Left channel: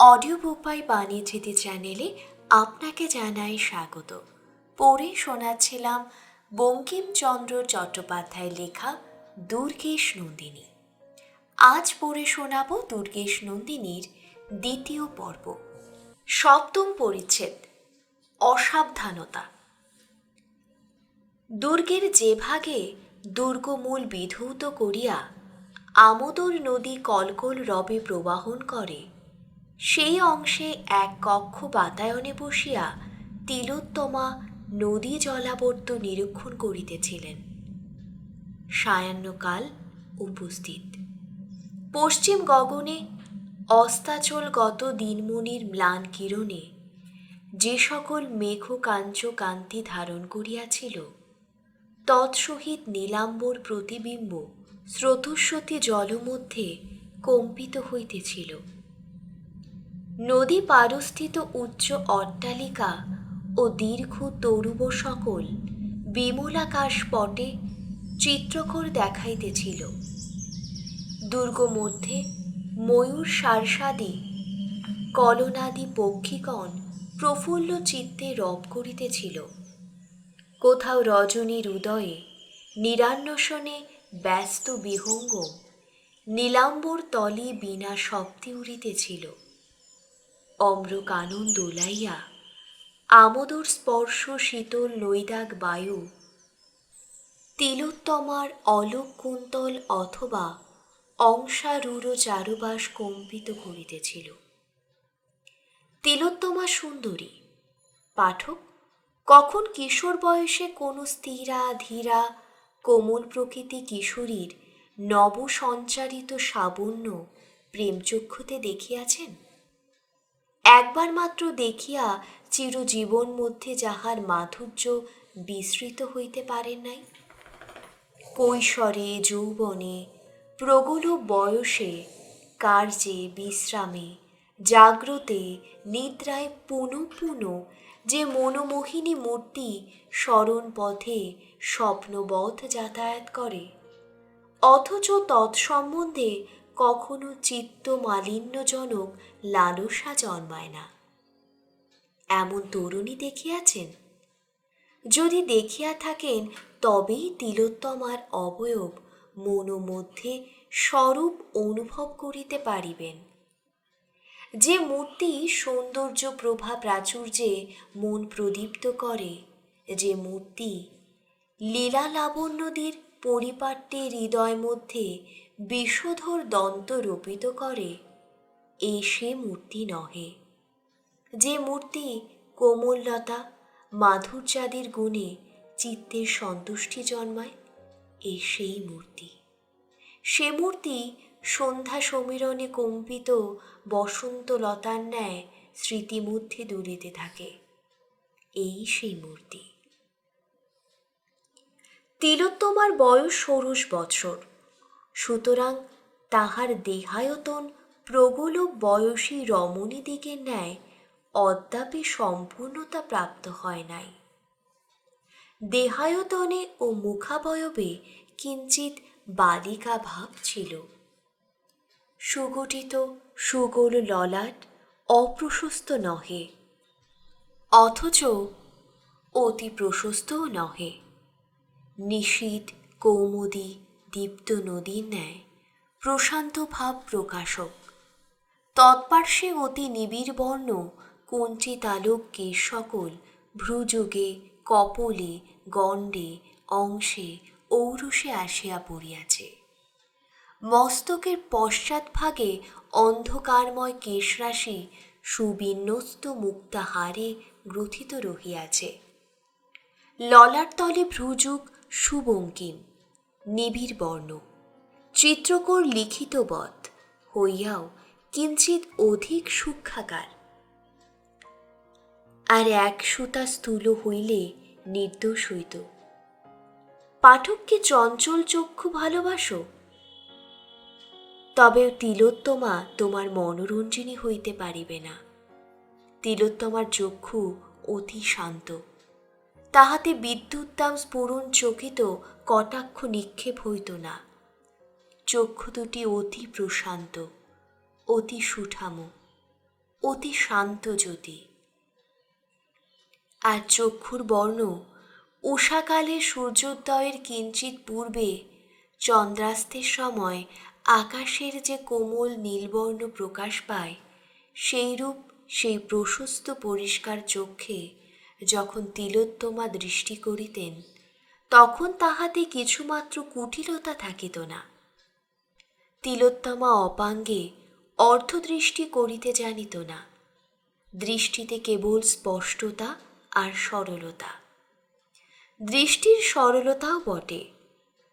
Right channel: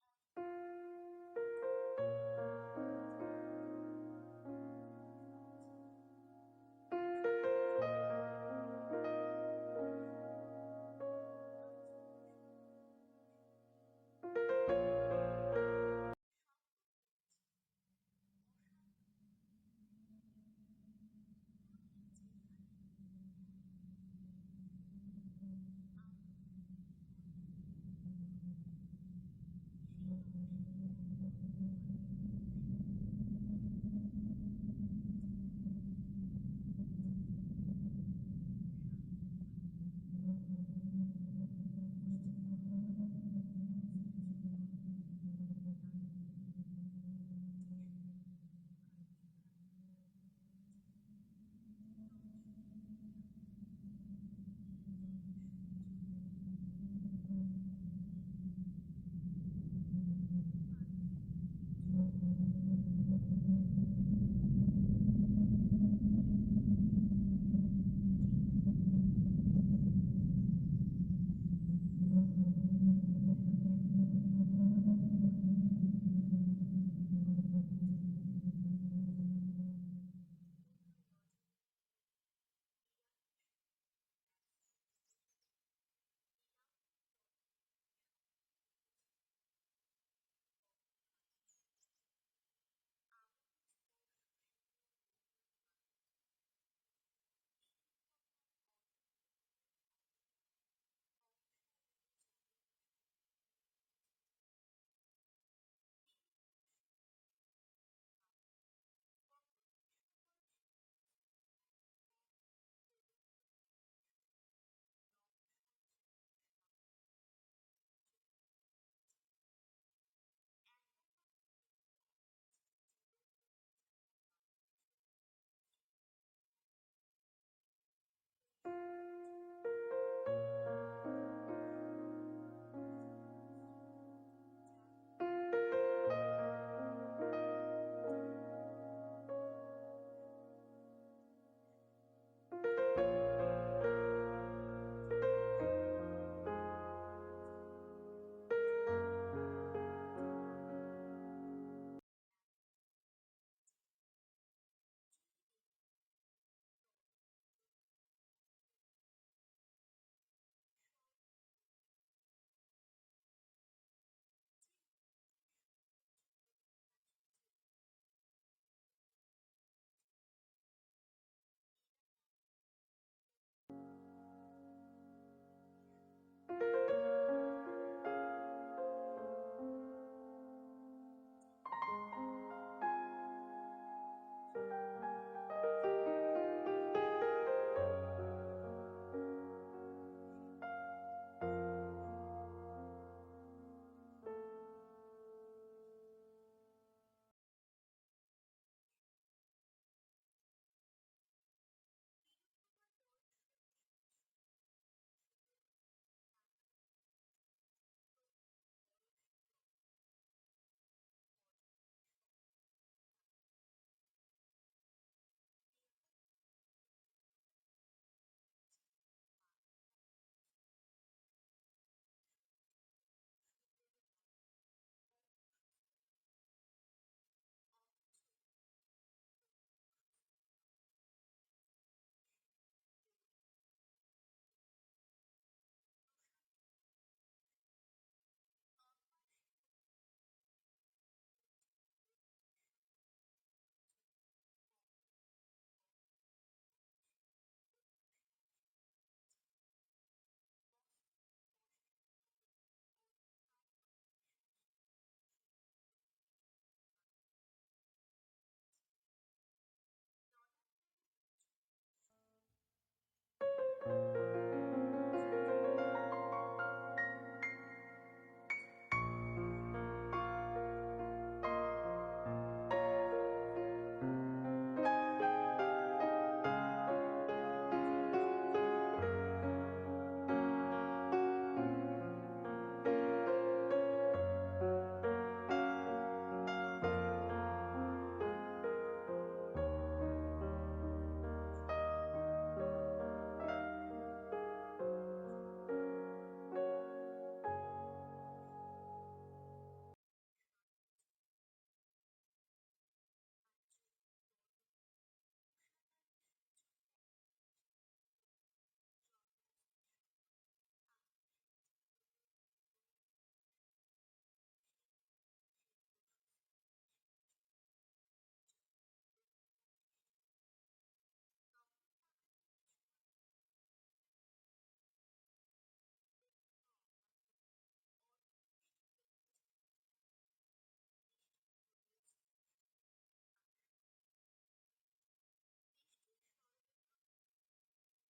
Audio book by বাণীজ্যোতি চ্যানেলে আপনাকে জানাই স্বাগত। পড়ে শোনাচ্ছিলাম বঙ্কিমচন্দ্র চট্টোপাধ্যায় লেখা দুর্গেশ নন্দিনী। আজ পড়ে শোনাব দুর্গেশ নন্দিনীর দ্বিতীয় পর্ব, সপ্তম পরিচ্ছেদ, অসাবধানতা। দুর্গের যে ভাগে দুর্গমূল বিধৌত করিয়া আমোদর নদী কলকল রবে প্রবাহন করে, সেই অংশে এক কক্ষ বাতায়নে বসিয়া তিলোত্তমা নদী জলাবর্ত নিরীক্ষণ করিতেছিলেন। সায়াহ্নকাল উপস্থিত। পশ্চিম গগনে অস্তাচলগত দিনমণির ম্লান কিরণে যে সকল মেঘ কাঞ্চ কান্তি ধারণ করিয়াছিল, তৎসহিত নীলাম্বর প্রতিবিম্ব স্রোতস্বতী জলমধ্যে কম্পিত হইতেছিল। নদী পারস্থিত উচ্চ অট্টালিকা ও দীর্ঘ তরুব সকল বিমলাকাশ পটে চিত্রকর দেখাইতেছিল। দুর্গ মধ্যে ময়ূর সারসাদি কলনাদি পক্ষিগণ প্রফুল্ল চিত্তে রব করিতেছিল। কোথাও রজনীর উদয়ে নিরান্বেষণে ব্যস্ত বিহঙ্গম নীলাম্বর তলে বিনা শব্দে উড়িতেছিল। অম্রকানন দোলাইয়া আমোদর স্পর্শ শীতল নৈদাগ বায়ু তিলোত্তমার অলোক কুন্তল অথবা অংশারূঢ় চারুবাস কম্পিত করিতেছিল। তিলোত্তমা সুন্দরী। পাঠক কখন কিশোর বয়সে কোনো স্থিরা ধীরা কোমল প্রকৃতি কিশোরীর নব সঞ্চারিত সাবন্য প্রেমচক্ষুতে দেখিয়াছেন? একবার মাত্র দেখিয়া চিরজীবন মধ্যে যাহার মাধুর্য বিস্মৃত হইতে পারেন নাই? কৈশোরে, যৌবনে, প্রগল বয়সে, কার্যে, বিশ্রামে, জাগ্রতে, নিদ্রায় পুনঃ পুনঃ যে মনোমোহিনী মূর্তি স্মরণ পথে স্বপ্নবৎ যাতায়াত করে, অথচ তৎসম্বন্ধে কখনো চিত্ত মালিন্যজনক লালসা জন্মায় না, এমন তরুণী দেখিয়াছেন? যদি দেখিয়া থাকেন, তবেই তিলোত্তমার অবয়ব মনোমধ্যে স্বরূপ অনুভব করিতে পারিবেন। যে মূর্তি সৌন্দর্য প্রভা প্রাচুর্যে মন প্রদীপ্ত করে, যে মূর্তি লীলা লাবণ্যদীর পরিপাট্যে হৃদয় মধ্যে বিষধর দন্ত রোপিত করে, এই সে মূর্তি নহে। যে মূর্তি কোমললতা মাধুর্যাদির গুণে চিত্তের সন্তুষ্টি জন্মায়, এই সেই মূর্তি। সে মূর্তি সন্ধ্যা সমীরণে কম্পিত বসন্ত লতার ন্যায় স্মৃতিমধ্যে দুলিতে থাকে, এই সেই মূর্তি। তিলোত্তমার বয়স 16 বৎসর, সুতরাং তাহার দেহায়তন প্রগল বয়সী রমণীদিগের ন্যায় অদ্যাপি সম্পূর্ণতা প্রাপ্ত হয় নাই। দেহায়তনে ও মুখাবয়বে কিঞ্চিৎ বালিকা ভাব ছিল। সুগঠিত সুগোল ললাট অপ্রশস্ত নহে, অথচ অতি প্রশস্তও নহে। নিশীথ কৌমুদী দীপ্ত নদীর ন্যায় প্রশান্ত ভাব প্রকাশক। তৎপার্শ্বে অতি নিবিড় বর্ণ কুঞ্চিতালোক কেশ সকল ভ্রুযুগে, কপলে, গণ্ডে, অংশে, ঔরসে আসিয়া পড়িয়াছে। মস্তকের পশ্চাৎভাগে অন্ধকারময় কেশরাশি সুবিন্যস্ত মুক্তাহারে গ্রথিত রহিয়াছে। ললাট তলে ভ্রুযুগ সুবঙ্কিম, নিবিড় বর্ণ, চিত্রকর লিখিতবৎ হইয়াও কিঞ্চিৎ অধিক সূক্ষ্মাকার। আর এক সুতা স্থূল হইলে নির্দোষ হইত। পাঠককে চঞ্চল চক্ষু ভালোবাসো, তবে তিলোত্তমা তোমার মনোরঞ্জিনী হইতে পারিবে না। তিলোত্তমার চক্ষু অতি শান্ত, তাহাতে বিদ্যুৎদাম স্ফুরণ চকিত কটাক্ষ নিক্ষেপ হইত না। চক্ষু দুটি অতি প্রশান্ত, অতি সুঠাম, অতি শান্ত জ্যোতি। আর চক্ষুর বর্ণ উষাকালে সূর্যোদয়ের কিঞ্চিত পূর্বে চন্দ্রাস্তের সময় আকাশের যে কোমল নীলবর্ণ প্রকাশ পায়, সেইরূপ সেই প্রশস্ত পরিষ্কার চক্ষে যখন তিলোত্তমা দৃষ্টি করিতেন, তখন তাহাতে কিছুমাত্র কুটিলতা থাকিত না। তিলোত্তমা অপাঙ্গে অর্ধদৃষ্টি করিতে জানিত না। দৃষ্টিতে কেবল স্পষ্টতা আর সরলতা। দৃষ্টির সরলতাও বটে,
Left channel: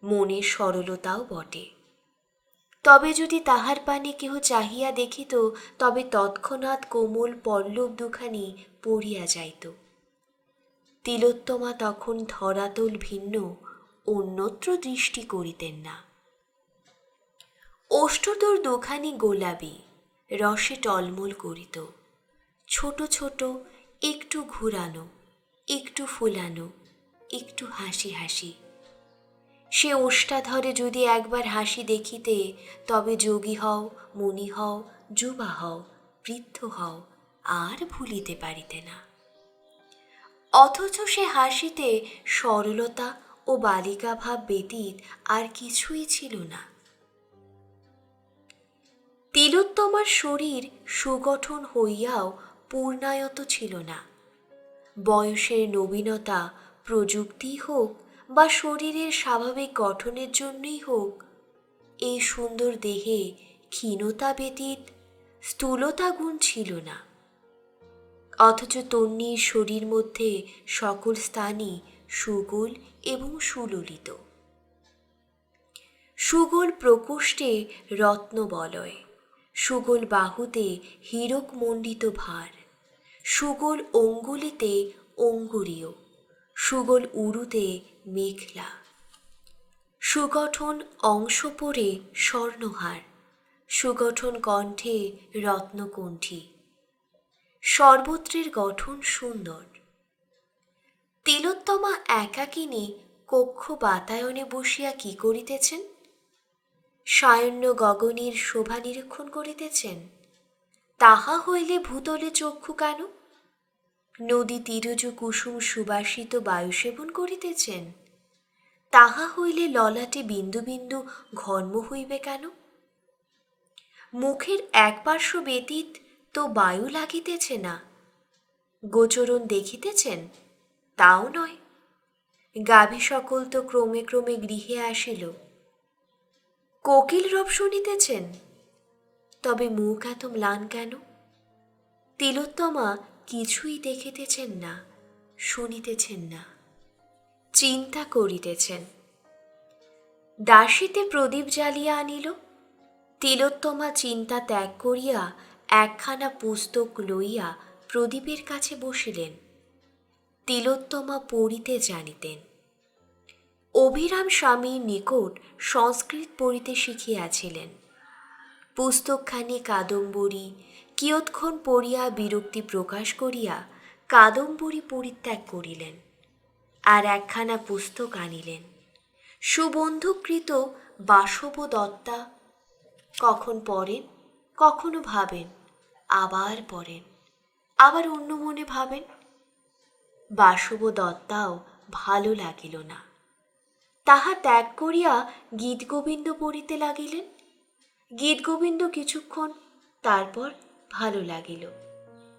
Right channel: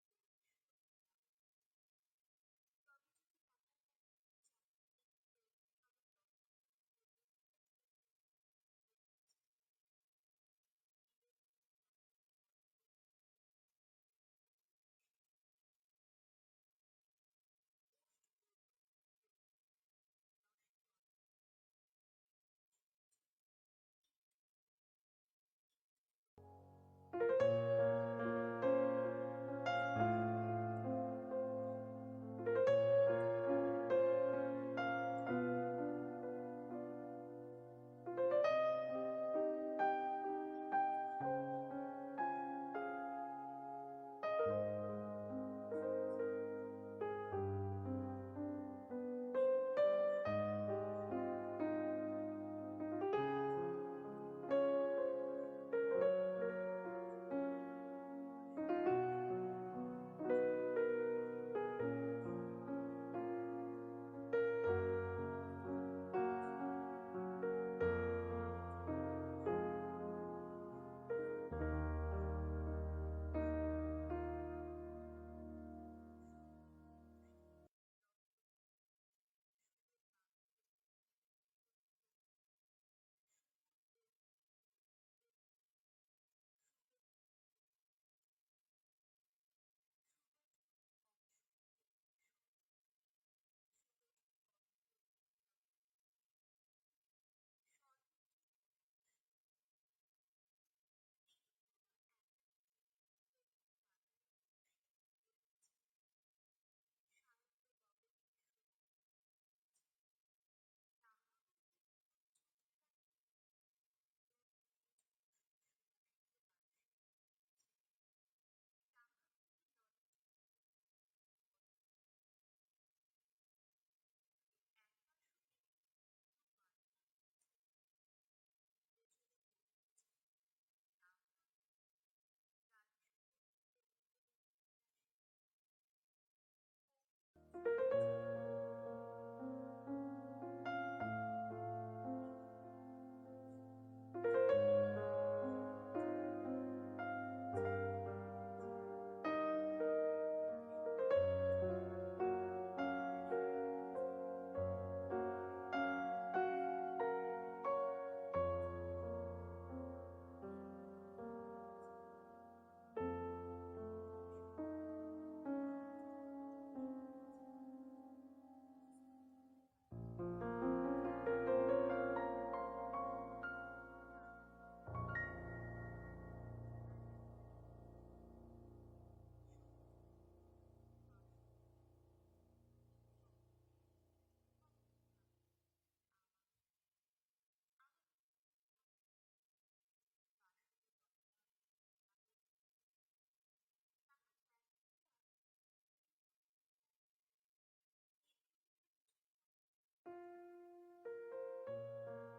মনের সরলতাও বটে। তবে যদি তাহার পানে কেহ চাহিয়া দেখিত, তবে তৎক্ষণাৎ কোমল পল্লব দুখানি পড়িয়া যাইত। তিলোত্তমা তখন ধরাতল ভিন্ন অন্যত্র দৃষ্টি করিতেন না। ওষ্ঠদোর দুখানি গোলাপি, রসে টলমল করিত। ছোট ছোট, একটু ঘুরানো, একটু ফুলানো, একটু হাসি হাসি। সে ওষ্ঠাধরে যদি একবার হাসি দেখিতে, তবে যোগী হও, মুনি হও, যুবা হও, বৃদ্ধ হও, আর ভুলিতে পারিতে না। অথচ সে হাসিতে সরলতা ও বালিকা ভাব ব্যতীত আর কিছুই ছিল না। তিলোত্তমার শরীর সুগঠন হইয়াও পূর্ণায়ত ছিল না। বয়সের নবীনতা, প্রযুক্তি হোক বা শরীরের স্বাভাবিক গঠনের জন্যই হোক, এই সুন্দর দেহে ক্ষীণতা ব্যতীত স্থূলতা গুণ ছিল না। অথচ তন্বীর শরীর মধ্যে সকল স্থানই সুগোল এবং সুললিত। সুগোল প্রকোষ্ঠে রত্নবলয়, সুগোল বাহুতে হীরক মণ্ডিত ভার, সুগোল অঙ্গুলিতে অঙ্গুরীয়, সুগোল উরুতে মেখলা, সুগঠন অংশ পরে স্বর্ণহার, সুগঠন কণ্ঠে রত্নকণ্ঠী। সর্বত্রের গঠন সুন্দর। তিলোত্তমা একাকিনী কক্ষ বাতায়নে বসিয়া কি করিতেছেন? সায়ন্য গগনের শোভা নিরীক্ষণ করিতেছেন। তাহা হইলে ভূতলে চক্ষু কেন? নদী তীরজ কুসুম সুবাসিত বায়ু সেবন করিতেছেন। তাহা হইলে ললাটে বিন্দু বিন্দু ঘর্ম হইবে কেন? মুখের এক পার্শ্ব ব্যতীত তো বায়ু লাগিতেছে না। গোচরণ দেখিতেছেন? তাও নয়। গাভী সকল তো ক্রমে ক্রমে গৃহে আসিল। কোকিল রব শুনিতেছেন? তবে মুখ এত ম্লান কেন? তিলোত্তমা কিছুই দেখিতেছেন না, শুনিতেছেন না, চিন্তা করিতেছেন। দাসীতে প্রদীপ জ্বালিয়া আনিল। তিলোত্তমা চিন্তা ত্যাগ করিয়া একখানা পুস্তক লইয়া প্রদীপের কাছে বসিলেন। তিলোত্তমা পড়িতে জানিতেন। অভিরাম স্বামীর নিকট সংস্কৃত পড়িতে শিখিয়াছিলেন। পুস্তকখানি কাদম্বরী কিয়ৎক্ষণ পড়িয়া বিরক্তি প্রকাশ করিয়া কাদম্বরী পরিত্যাগ করিলেন, আর একখানা পুস্তক আনিলেন। সুবন্ধুকৃত বাসব দত্তা। কখন পড়েন, কখনো ভাবেন, আবার পড়েন, আবার অন্য মনে ভাবেন। বাসব দত্তাও ভালো লাগিল না। তাহা ত্যাগ করিয়া গীতগোবিন্দ পড়িতে লাগিলেন। গীতগোবিন্দ কিছুক্ষণ, তারপর ভালো লাগিল।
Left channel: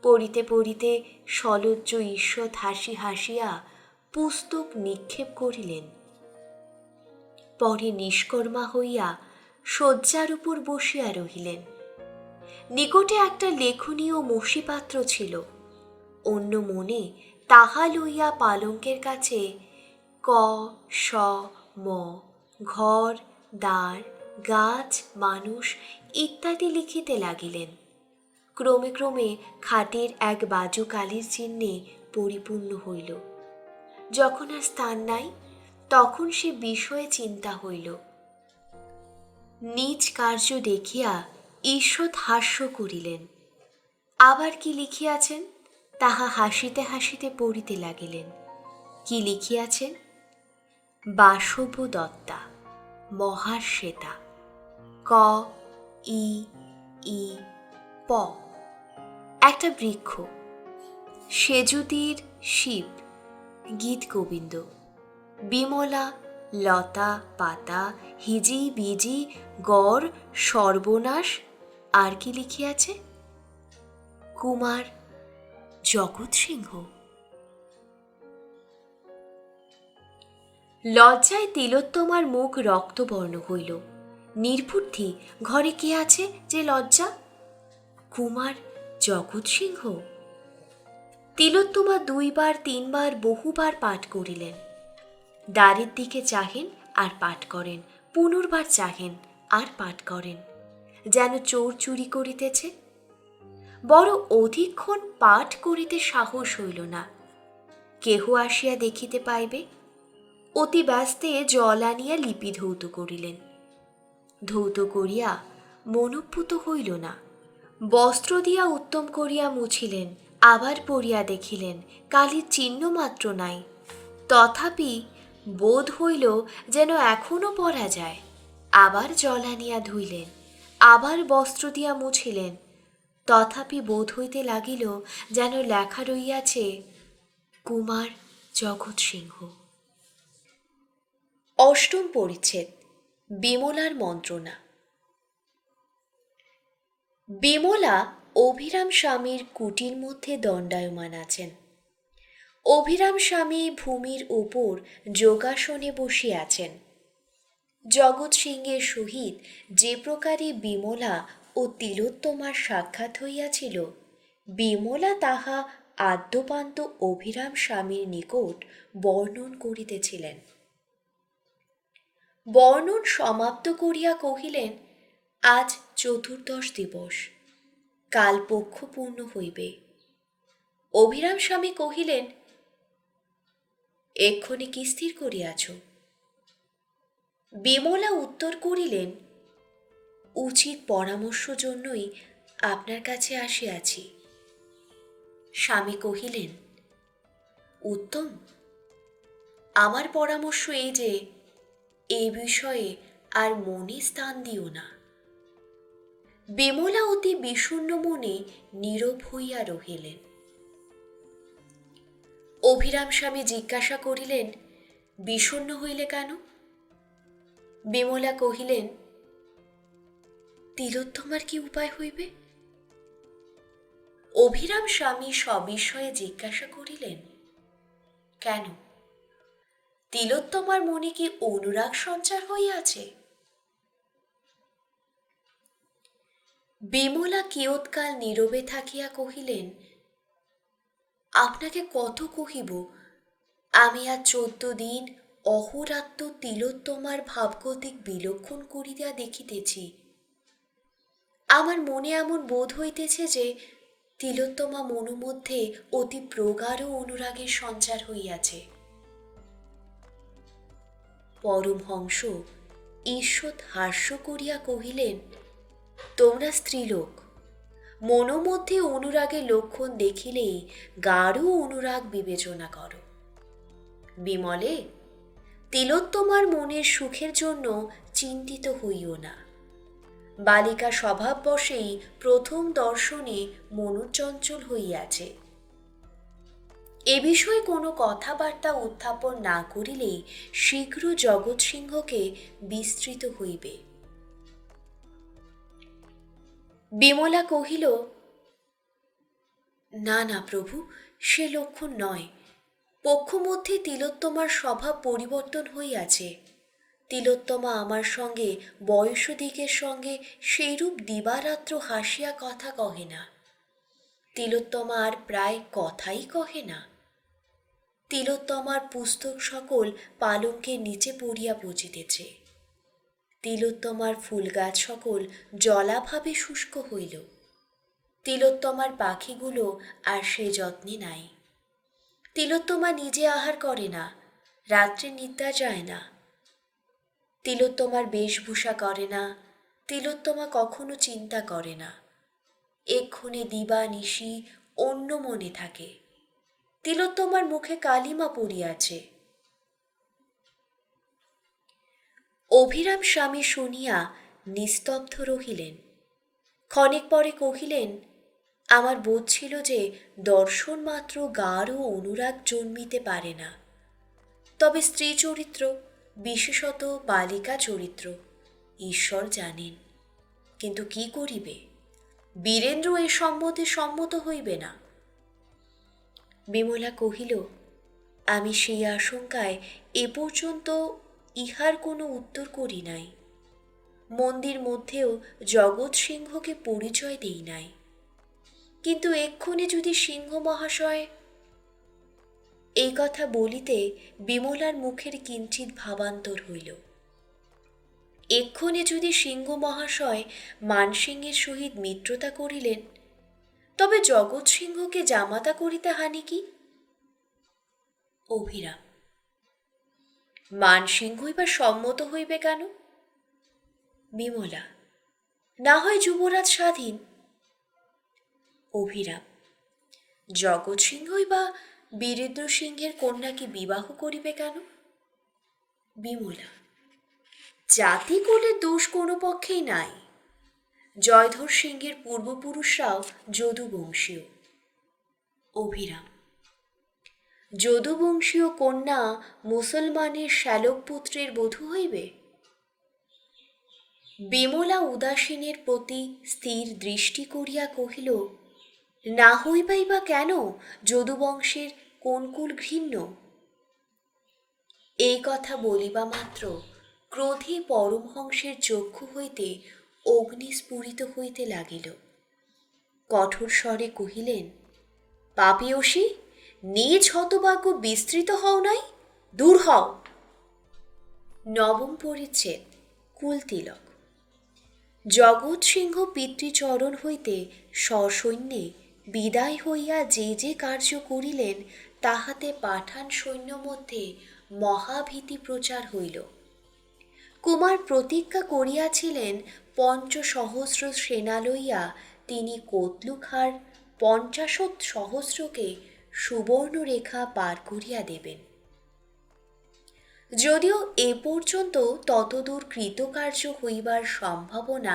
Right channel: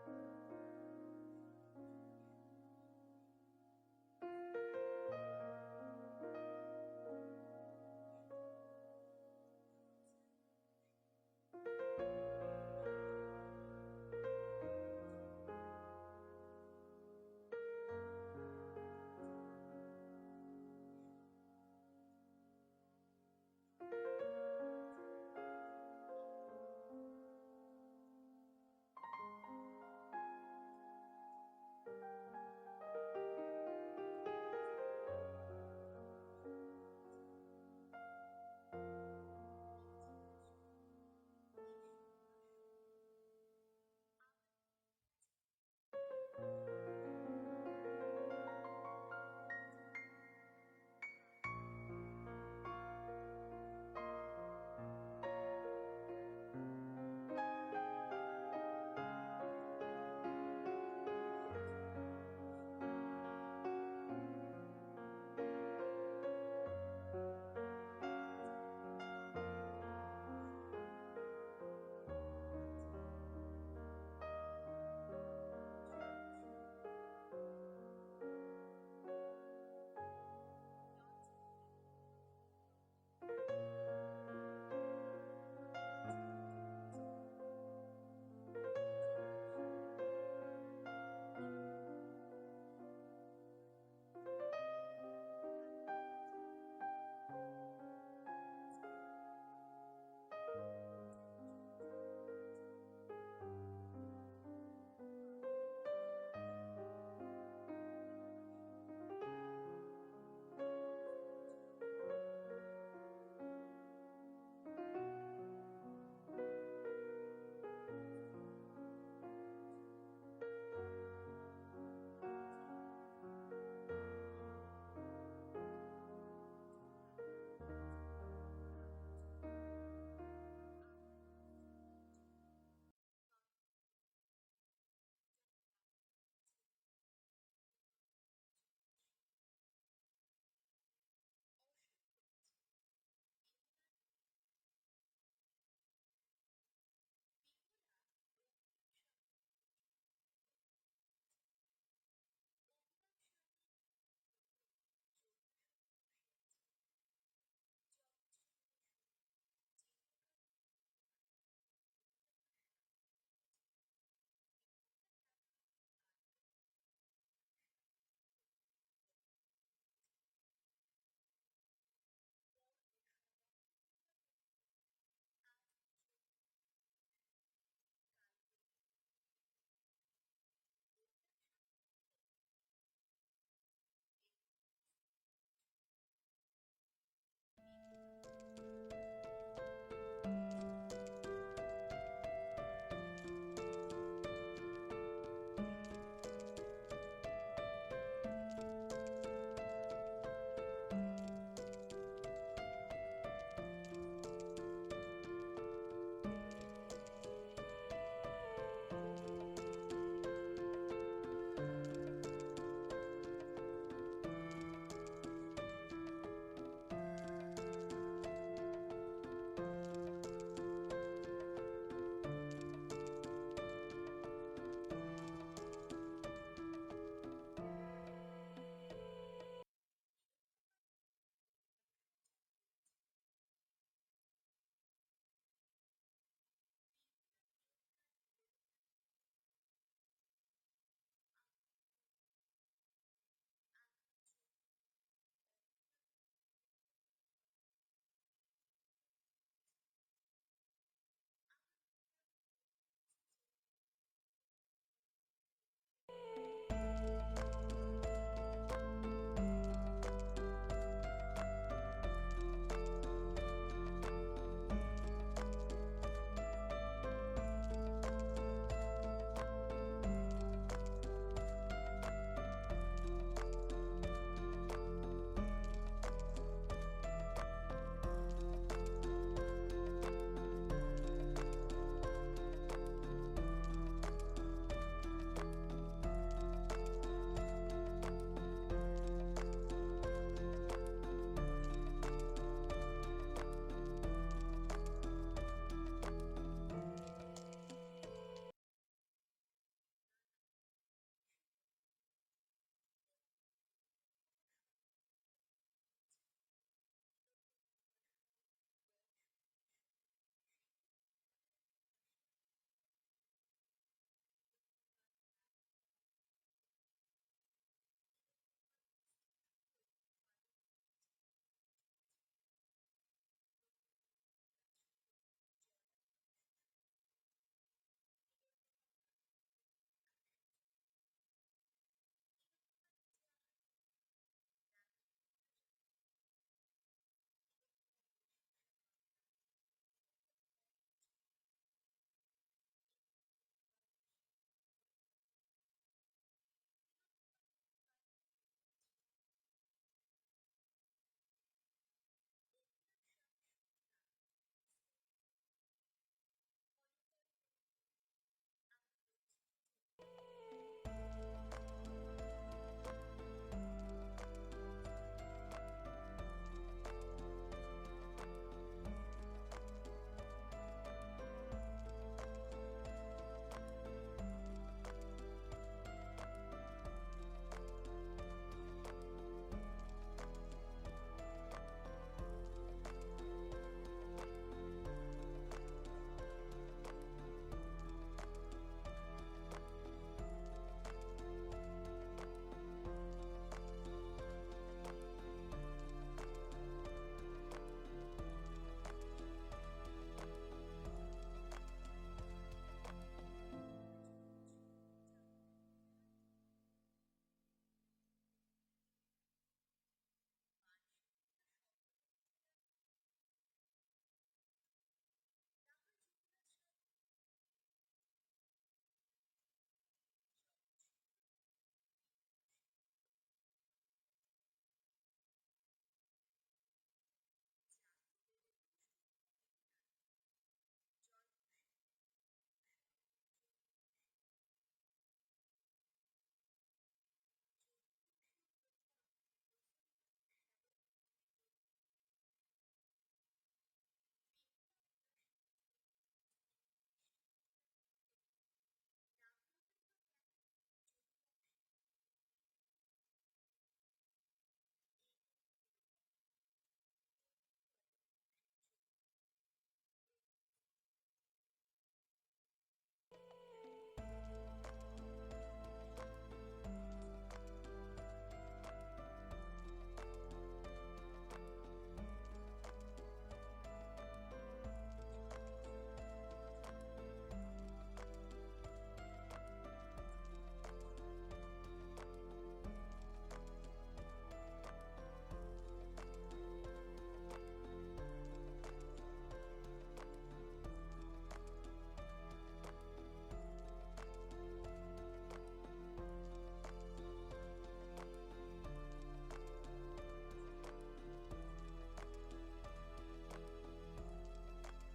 পড়িতে পড়িতে সলজ্জ ঈষৎ হাসি হাসিয়া পুস্তক নিক্ষেপ করিলেন। পরে নিষ্কর্মা হইয়া শয্যার উপর বসিয়া রহিলেন। নিকটে একটা লেখনী ও মসিপাত্র ছিল। অন্য মনে তাহা লইয়া পালঙ্কের কাছে ক, স, ম, ঘর, দ্বার, গাছ, মানুষ ইত্যাদি লিখিতে লাগিলেন। ক্রমে ক্রমে খাটের এক বাজু কালির চিহ্নে পরিপূর্ণ হইল। যখন আর স্থান নাই, তখন সে বিষয়ে চিন্তা হইল। নিজ কার্য দেখিয়া ঈষৎ হাস্য করিলেন। আবার কি লিখিয়াছেন তাহা হাসিতে হাসিতে পড়িতে লাগিলেন। কি লিখিয়াছেন? বাসব দত্তা, মহাশ্বেতা, ক, ই, ই, প। একটা বৃক্ষ, সেজুতির শিব, গীত গোবিন্দ, বিমলা, লতা পাতা, হিজি বিজি, গড়, সর্বনাশ, আর কি লিখিয়াছে? কুমার, জগৎ সিংহ। লজ্জায় তিলোত্তমার মুখ রক্তবর্ণ হইল। নির্বুদ্ধি, ঘরে কে আছে যে লজ্জা? কুমার, জগৎ সিংহ। তিলোত্তমা 2 বার 3 বার বহুবার পাঠ করিলেন। দ্বারের দিকে চাহেন আর পাঠ করেন, পুনর্বার চাহেন আর পাঠ করেন, যেন চোর চুরি করিতেছে। বড় অধিকক্ষণ পাঠ করিতে সাহস হইল না। কেহ আসিয়া দেখিতে পাইবে। অতি ব্যস্তে জল আনিয়া লিপি ধৌত করিলেন। ধৌত করিয়া মনোপুত হইল না। বস্ত্র দিয়া উত্তম করিয়া মুছিলেন, আবার পড়িয়া দেখিলেন কালির চিহ্ন মাত্র নাই। তথাপি বোধ হইল যেন এখনো পরা যায়। আবার জল আনিয়া ধুইলেন, আবার বস্ত্র দিয়া মুছিলেন। তথাপি বোধ হইতে লাগিল যেন লেখা রইয়াছে, কুমার, জগৎ সিংহ। অষ্টম পরিচ্ছেদ। বিমলার মন্ত্রণা। বিমলা অভিরাম স্বামীর কুটির মধ্যে দণ্ডায়মান আছেন। অভিরাম স্বামী ভূমির উপর যোগাসনে বসিয়া আছেন। জগৎ সিংহের সহিত যে প্রকারে বিমলা ও তিলোত্তমার সাক্ষাৎ হইয়াছিল, বিমলা তাহা আদ্যপান্ত অভিরাম স্বামীর নিকট বর্ণন করিতেছিলেন। বর্ণন সমাপ্ত করিয়া কহিলেন, আজ চতুর্দশ দিবস, কাল পক্ষ পূর্ণ হইবে। অভিরাম স্বামী কহিলেন, এক্ষণে কি স্থির করিয়াছ? বিমলা উত্তর করিলেন, উচিত পরামর্শ জন্যই আপনার কাছে আসিয়াছি। স্বামী কহিলেন, উত্তম, আমার পরামর্শ এই যে এই বিষয়ে আর মনে স্থান দিও না। বিমলা অতি বিষণ্ণ মনে নীরব হইয়া রহিলেন। অভিরাম স্বামী জিজ্ঞাসা করিলেন, বিষণ্ণ হইলে কেন? বিমলা কহিলেন, তিলোত্তমার কি উপায় হইবে? অভিরাম স্বামী সবিষয়ে জিজ্ঞাসা করিলেন, কেন, তিলোত্তমার মনে কি অনুরাগ সঞ্চার হইয়াছে? বিমলা কিয়ৎকাল নীরবে থাকিয়া কহিলেন, আপনাকে কত কহিব, আমি আজ 14 দিন অহোরাত্র তিলোত্তমার ভাবগতিক বিলক্ষণ করিয়া দেখিতেছি। আমার মনে এমন বোধ হইতেছে যে তিলোত্তমা মনোমধ্যে অতি প্রগাঢ় অনুরাগের সঞ্চার হইয়াছে। পরমহংস ঈষৎ হাস্য করিয়া কহিলেন, তোমরা স্ত্রীলোক, মনোমধ্যে অনুরাগের লক্ষণ দেখিলেই গাঢ় অনুরাগ বিবেচনা করো। বিমলে, তিলোত্তমার মনের সুখের জন্য চিন্তিত হইও না। বালিকা স্বভাববশেই প্রথম দর্শনে মনোচঞ্চল হইয়াছে। এ বিষয়ে কোনো কথাবার্তা উত্থাপন না করিলেই শীঘ্র জগৎ সিংহকে বিস্তৃত হইবে। বিমলা কহিল, না না প্রভু, সে লক্ষণ নয়। পক্ষমধ্যে তিলোত্তমার স্বভাব পরিবর্তন হইয়াছে। তিলোত্তমা আমার সঙ্গে বয়সদিগের সঙ্গে সেইরূপ দিবারাত্র হাসিয়া কথা কহে না। তিলোত্তমা আর প্রায় কথাই কহে না। তিলোত্তমার পুস্তক সকল পালঙ্কের নিচে পড়িয়া বুঝিতেছে। তিলোত্তমার ফুলগাছ সকল জলাভাবে শুষ্ক হইল। তিলোত্তমার পাখিগুলো আর সে যত্নে নাই। তিলোত্তমা নিজে আহার করে না, রাত্রে নিদ্রা যায় না। তিলোত্তমার বেশভূষা করে না, তিলোত্তমা কখনো চিন্তা করে না। এক্ষণে দিবা নিশি অন্য মনে থাকে। তিলোত্তমার মুখে কালিমা পড়িয়াছে। অভিরাম স্বামী শুনিয়া নিস্তব্ধ রহিলেন। ক্ষণেক পরে কহিলেন, আমার বোধ ছিল যে দর্শন মাত্র গাঢ় অনুরাগ জন্মিতে পারে না, তবে স্ত্রী চরিত্র, বিশেষত বালিকা চরিত্র, ঈশ্বর জানেন। কিন্তু কি করিবে, বীরেন্দ্র এ সম্বন্ধে সম্মত হইবে না। বিমলা কহিল, আমি সেই আশঙ্কায় এ পর্যন্ত ইহার কোনো উত্তর করি নাই। মন্দির মধ্যেও জগৎ সিংহকে পরিচয় দেই নাই। কিন্তু এক্ষণে যদি সিংহ মহাশয়। এই কথা বলিতে বিমলার মুখের কিঞ্চিৎ ভাবান্তর হইল। এক্ষণে যদি সিংহ মহাশয় মানসিংহের সহিত মিত্রতা করিলেন, তবে জগৎ সিংহকে জামাতা করিতে হানি কি? অভিরাম, মানসিংহই বা সম্মত হইবে কেন? বিমলা, না হয় যুবরাজ স্বাধীন। অভিরাম, জগৎ সিংহই বা বীরেন্দ্র সিংহের কন্যাকে বিবাহ করিবে কেন? বিমলা, জাতি কুলের দোষ কোনো পক্ষেই নাই। জয়ধর সিংহের পূর্বপুরুষরাও যদুবংশীয়। অভিরাম, যদুবংশীয় কন্যা মুসলমানের শ্যালক পুত্রের বধূ হইবে? বিমলা উদাসীনের প্রতি স্থির দৃষ্টি করিয়া কহিল, না হইবাই বা কেন? যদুবংশের কোন কুল ঘৃণ্য? এই কথা বলিবা মাত্র ক্রোধে পরমহংসের চক্ষু হইতে অগ্নি স্ফুরিত হইতে লাগিল। কঠোর স্বরে কহিলেন, পাপীয়সী, নিজ হতভাগ্য বিস্তৃত হও নাই, দূর হও। নবম পরিচ্ছেদ, কুলতিলক। জগৎ সিংহ পিতৃচরণ হইতে সসৈন্যে বিদায় হইয়া যে যে কার্য করিলেন, তাহাতে পাঠান সৈন্য মধ্যে মহাভীতি প্রচার হইল। কুমার প্রতিজ্ঞা করিয়াছিলেন, ৫০০০০ সেনা লইয়া তিনি কোতলুখার ৫০,০০০কে সুবর্ণরেখা পার করিয়া দেবেন। যদিও এ পর্যন্ত ততদূর কৃতকার্য হইবার সম্ভাবনা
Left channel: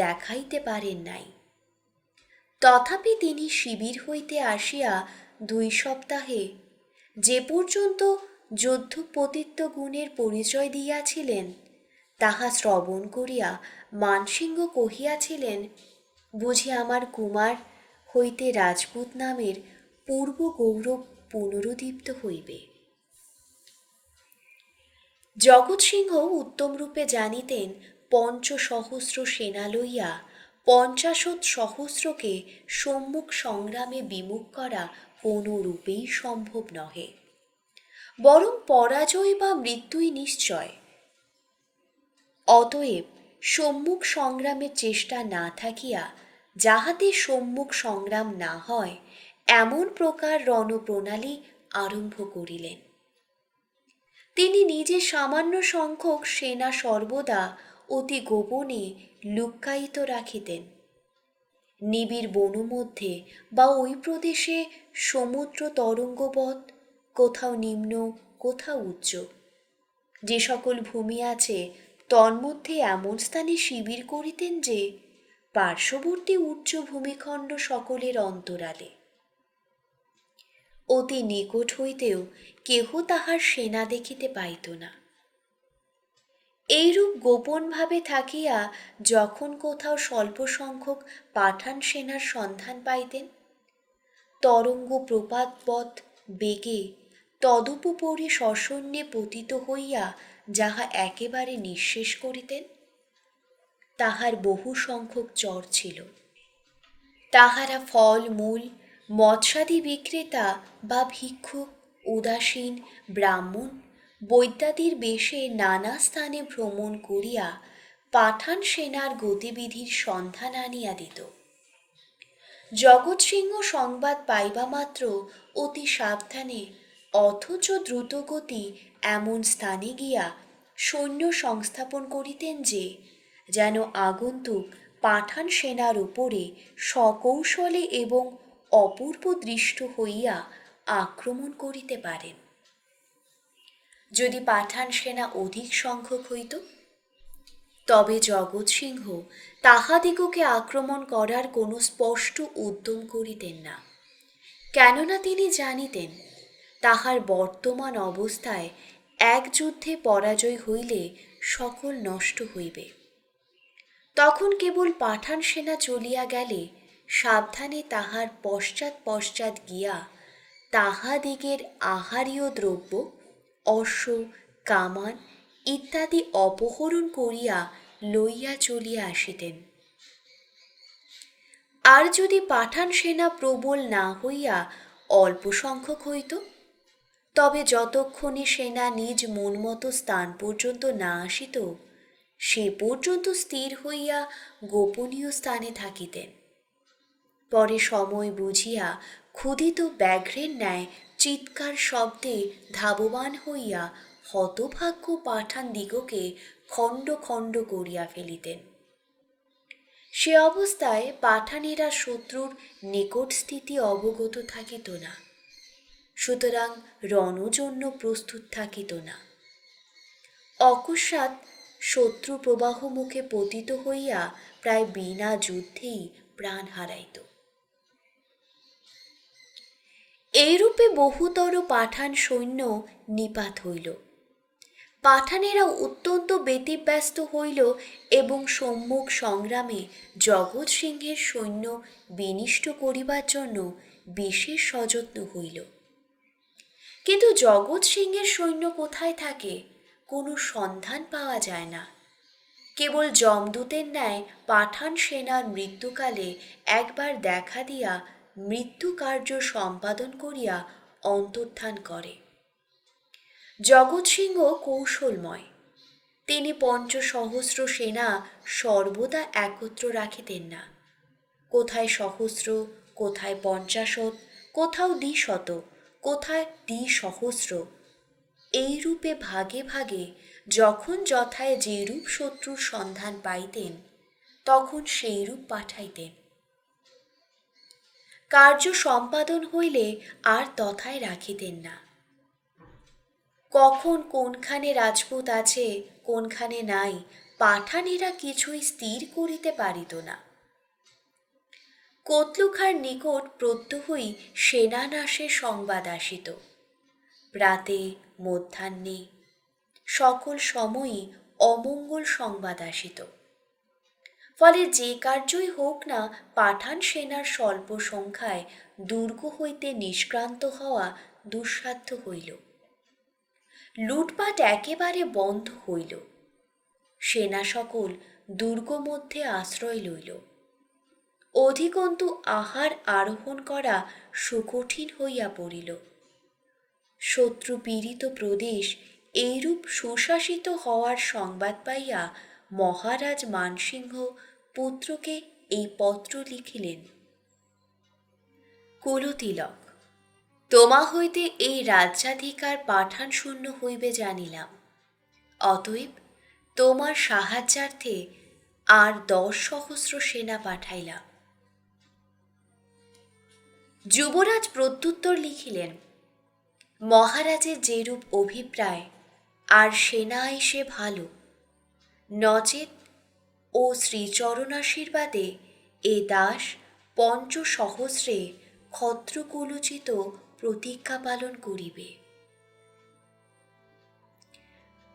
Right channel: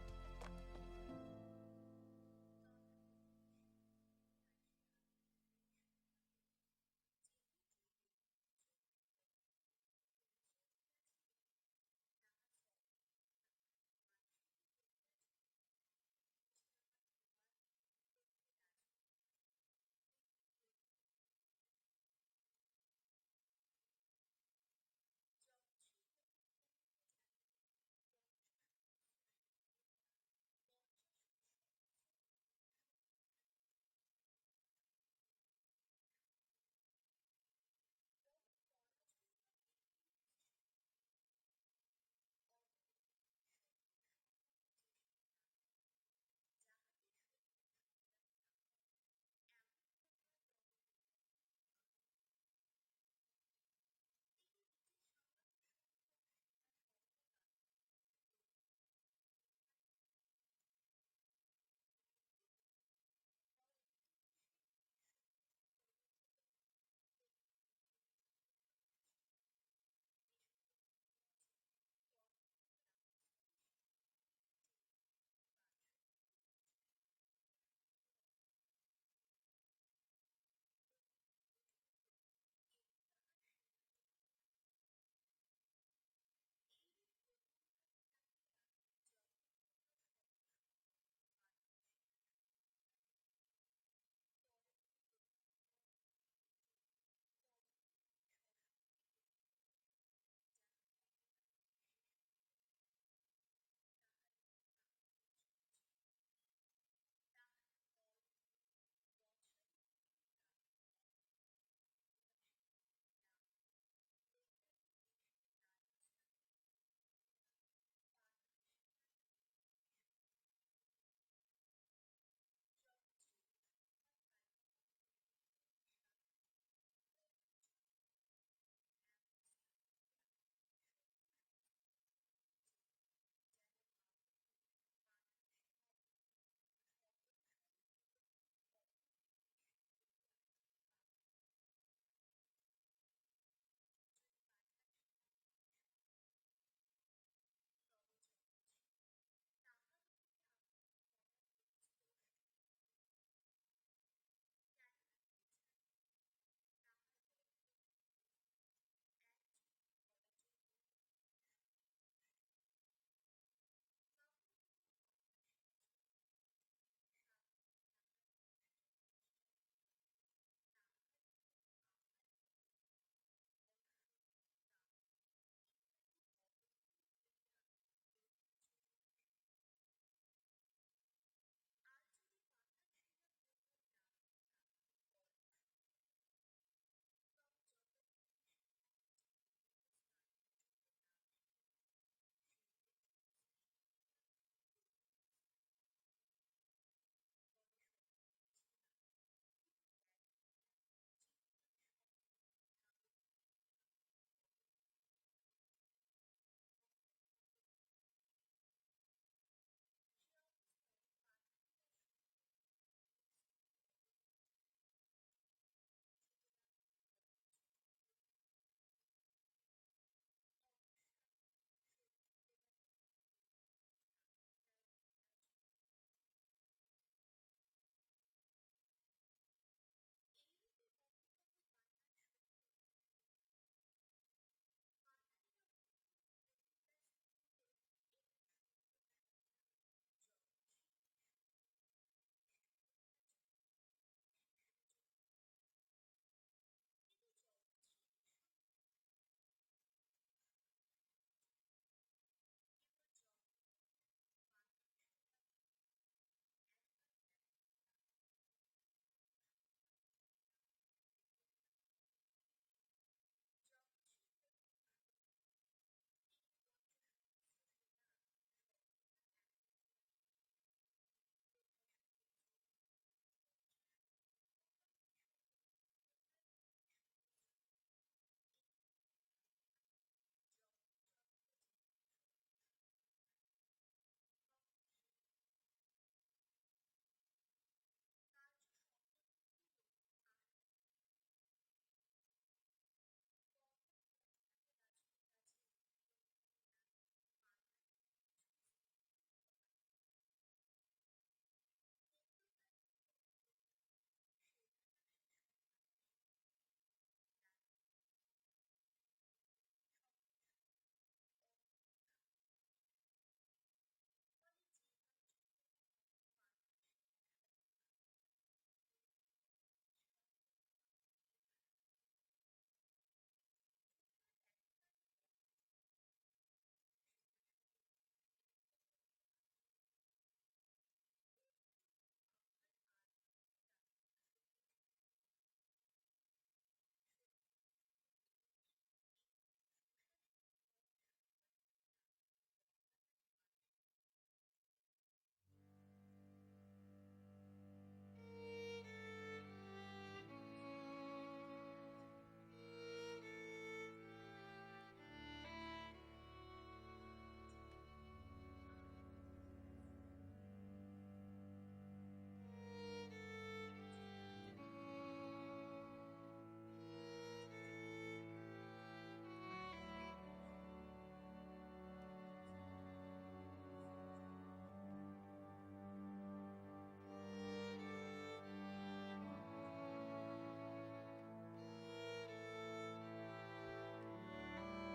দেখাইতে পারেন নাই, তথাপি তিনি শিবির হইতে আসিয়া ২ সপ্তাহে যে পর্যন্ত যুদ্ধপতিত্ব গুণের পরিচয় দিয়াছিলেন, তাহা শ্রবণ করিয়া মানসিংহ কহিয়াছিলেন, বুঝি আমার কুমার হইতে রাজপুত নামের পূর্ব গৌরব পুনরুদ্দীপ্ত হইবে। জগৎ সিংহ উত্তমরূপে জানিতেন, ৫০০০০ সেনা লইয়া ৫০,০০০কে সম্মুখ সংগ্রামে বিমুখ করা কোনো রূপেই সম্ভব নহে, বরং পরাজয় বা মৃত্যুই নিশ্চয়। অতএব সম্মুখ সংগ্রামের চেষ্টা না থাকিয়া যাহাতে সম্মুখ সংগ্রাম না হয়, এমন প্রকার রণপ্রণালী আরম্ভ করিলেন। তিনি নিজে সামান্য সংখ্যক সেনা সর্বদা অতি গোপনে লুক্কায়িত রাখিতেন। নিবিড় বনমধ্যে বা ওই প্রদেশে সমুদ্র তরঙ্গবৎ, কোথাও নিম্ন কোথাও উচ্চ, যে সকল ভূমি আছে, তন্মধ্যে এমন স্থানে শিবির করিতেন যে পার্শ্ববর্তী উচ্চ ভূমিখণ্ড সকলের অন্তরালে। অতি নিকট হইতেও কেহ তাহার সেনা দেখিতে পাইত না। এইরূপ গোপনভাবে থাকিয়া যখন কোথাও স্বল্প সংখ্যক পাঠান সেনার সন্ধান পাইতেন, তরঙ্গ প্রপাতবৎ বেগে তদুপরি সসৈন্যে পতিত হইয়া যাহা একেবারে নিঃশেষ করিতেন, তাহার বহু সংখ্যক চর ছিল। তাহারা ফল মূল, মৎস্যাদি বিক্রেতা বা ভিক্ষুক, উদাসীন, ব্রাহ্মণ, বৈদ্যাদির বেশে নানা স্থানে ভ্রমণ করিয়া পাঠান সেনার গতিবিধির সন্ধান আনিয়া দিত। জগৎ সিংহ সংবাদ পাইবা মাত্র অতি সাবধানে অথচ দ্রুতগতি এমন স্থানে গিয়া সৈন্য সংস্থাপন করিতেন যে যেন আগন্তুক পাঠান সেনার উপরে সকৌশলে এবং অপূর্ব দৃষ্ট হইয়া আক্রমণ করিতে পারেন। যদি পাঠান সেনা অধিক সংখ্যক হইত, তবে জগৎ সিংহ তাহাদিগকে আক্রমণ করার কোনো স্পষ্ট উদ্যম করিতেন না, কেননা তিনি জানিতেন তাহার বর্তমান অবস্থায় এক যুদ্ধে পরাজয় হইলে সকল নষ্ট হইবে। তখন কেবল পাঠান সেনা চলিয়া গেলে সাবধানে তাহার পশ্চাৎ পশ্চাৎ গিয়া তাহাদিগের আহারীয় দ্রব্য, অশ্ব, কামান ইত্যাদি অপহরণ করিয়া লইয়া চলিয়া আসিতেন। আর যদি পাঠান সেনা প্রবল না হইয়া অল্প সংখ্যক হইত, তবে যতক্ষণে সেনা নিজ মনমতো স্থান পর্যন্ত না আসিত, সে পর্যন্ত স্থির হইয়া গোপনীয় স্থানে থাকিতেন। পরে সময় বুঝিয়া ক্ষুধিত ব্যাঘ্রের ন্যায় চিৎকার শব্দে ধাবমান হইয়া হতভাগ্য পাঠান দিগকে খণ্ড খণ্ড করিয়া ফেলিতেন। সে অবস্থায় পাঠানেরা শত্রুর নিকট স্থিতি অবগত থাকিত না, সুতরাং রণজন্য প্রস্তুত থাকিত না। অকস্মাৎ শত্রু প্রবাহ মুখে পতিত হইয়া প্রায় বিনা যুদ্ধেই প্রাণ হারাইত। এইরূপে বহুতর পাঠান সৈন্য নিপাত হইল। পাঠানেরা অত্যন্ত ব্যতিব্যস্ত হইল এবং সম্মুখ সংগ্রামে জগৎ সিংহের সৈন্য বিনিষ্ট করিবার জন্য বিশেষ সযত্ন হইল। কিন্তু জগৎ সিংহের সৈন্য কোথায় থাকে, কোনো সন্ধান পাওয়া যায় না। কেবল যমদূতের ন্যায় পাঠান সেনার মৃত্যুকালে একবার দেখা দিয়া মৃত্যু কার্য সম্পাদন করিয়া অন্তর্ধান করে। জগৎ সিংহ কৌশলময়, তিনি ৫০০ সেনা সর্বদা একত্র রাখিতেন না। কোথায় সহস্র, কোথায় ৫০, কোথাও ২০০, কোথায় ২০,০০০, এইরূপে ভাগে ভাগে যখন যথায় যেরূপ শত্রুর সন্ধান পাইতেন তখন সেইরূপ পাঠাইতেন। কার্য সম্পাদন হইলে আর তথায় রাখিতেন না। কখন কোনখানে রাজপুত আছে কোনখানে নাই পাঠানেরা কিছুই স্থির করিতে পারিত না। কতলুখার নিকট প্রত্যহই সেনানাশের সংবাদ আসিত। প্রাতে মধ্যাহ্নে সকল সময়ই অমঙ্গল সংবাদ আসিত। ফলে যে কার্যই হোক না, পাঠান সেনার স্বল্প সংখ্যায় দুর্গ হইতে নিষ্ক্রান্ত হওয়া দুঃসাধ্য হইল। লুটপাট একেবারে বন্ধ হইল। সেনা সকল দুর্গ মধ্যে আশ্রয় লইল। অধিকন্তু আহার আরোহণ করা সুকঠিন হইয়া পড়িল। শত্রু পীড়িত প্রদেশ এইরূপ সুশাসিত হওয়ার সংবাদ পাইয়া মহারাজ মানসিংহ পুত্রকে এই পত্র লিখিলেন। কুলতিলক, তোমা হইতে এই রাজ্যাধিকার পাঠান শূন্য হইবে জানিলাম। অতএব তোমার সাহায্যার্থে আর ১০,০০০ সেনা পাঠাইলাম। যুবরাজ প্রত্যুত্তর লিখিলেন, মহারাজের যেরূপ অভিপ্রায়, আর সেনা এসে ভালো, নচেত ও শ্রীচরণাশীর্বাদে এ দাস ৫০,০০০ ক্ষত্রকুলোচিত প্রতিজ্ঞা পালন করিবে।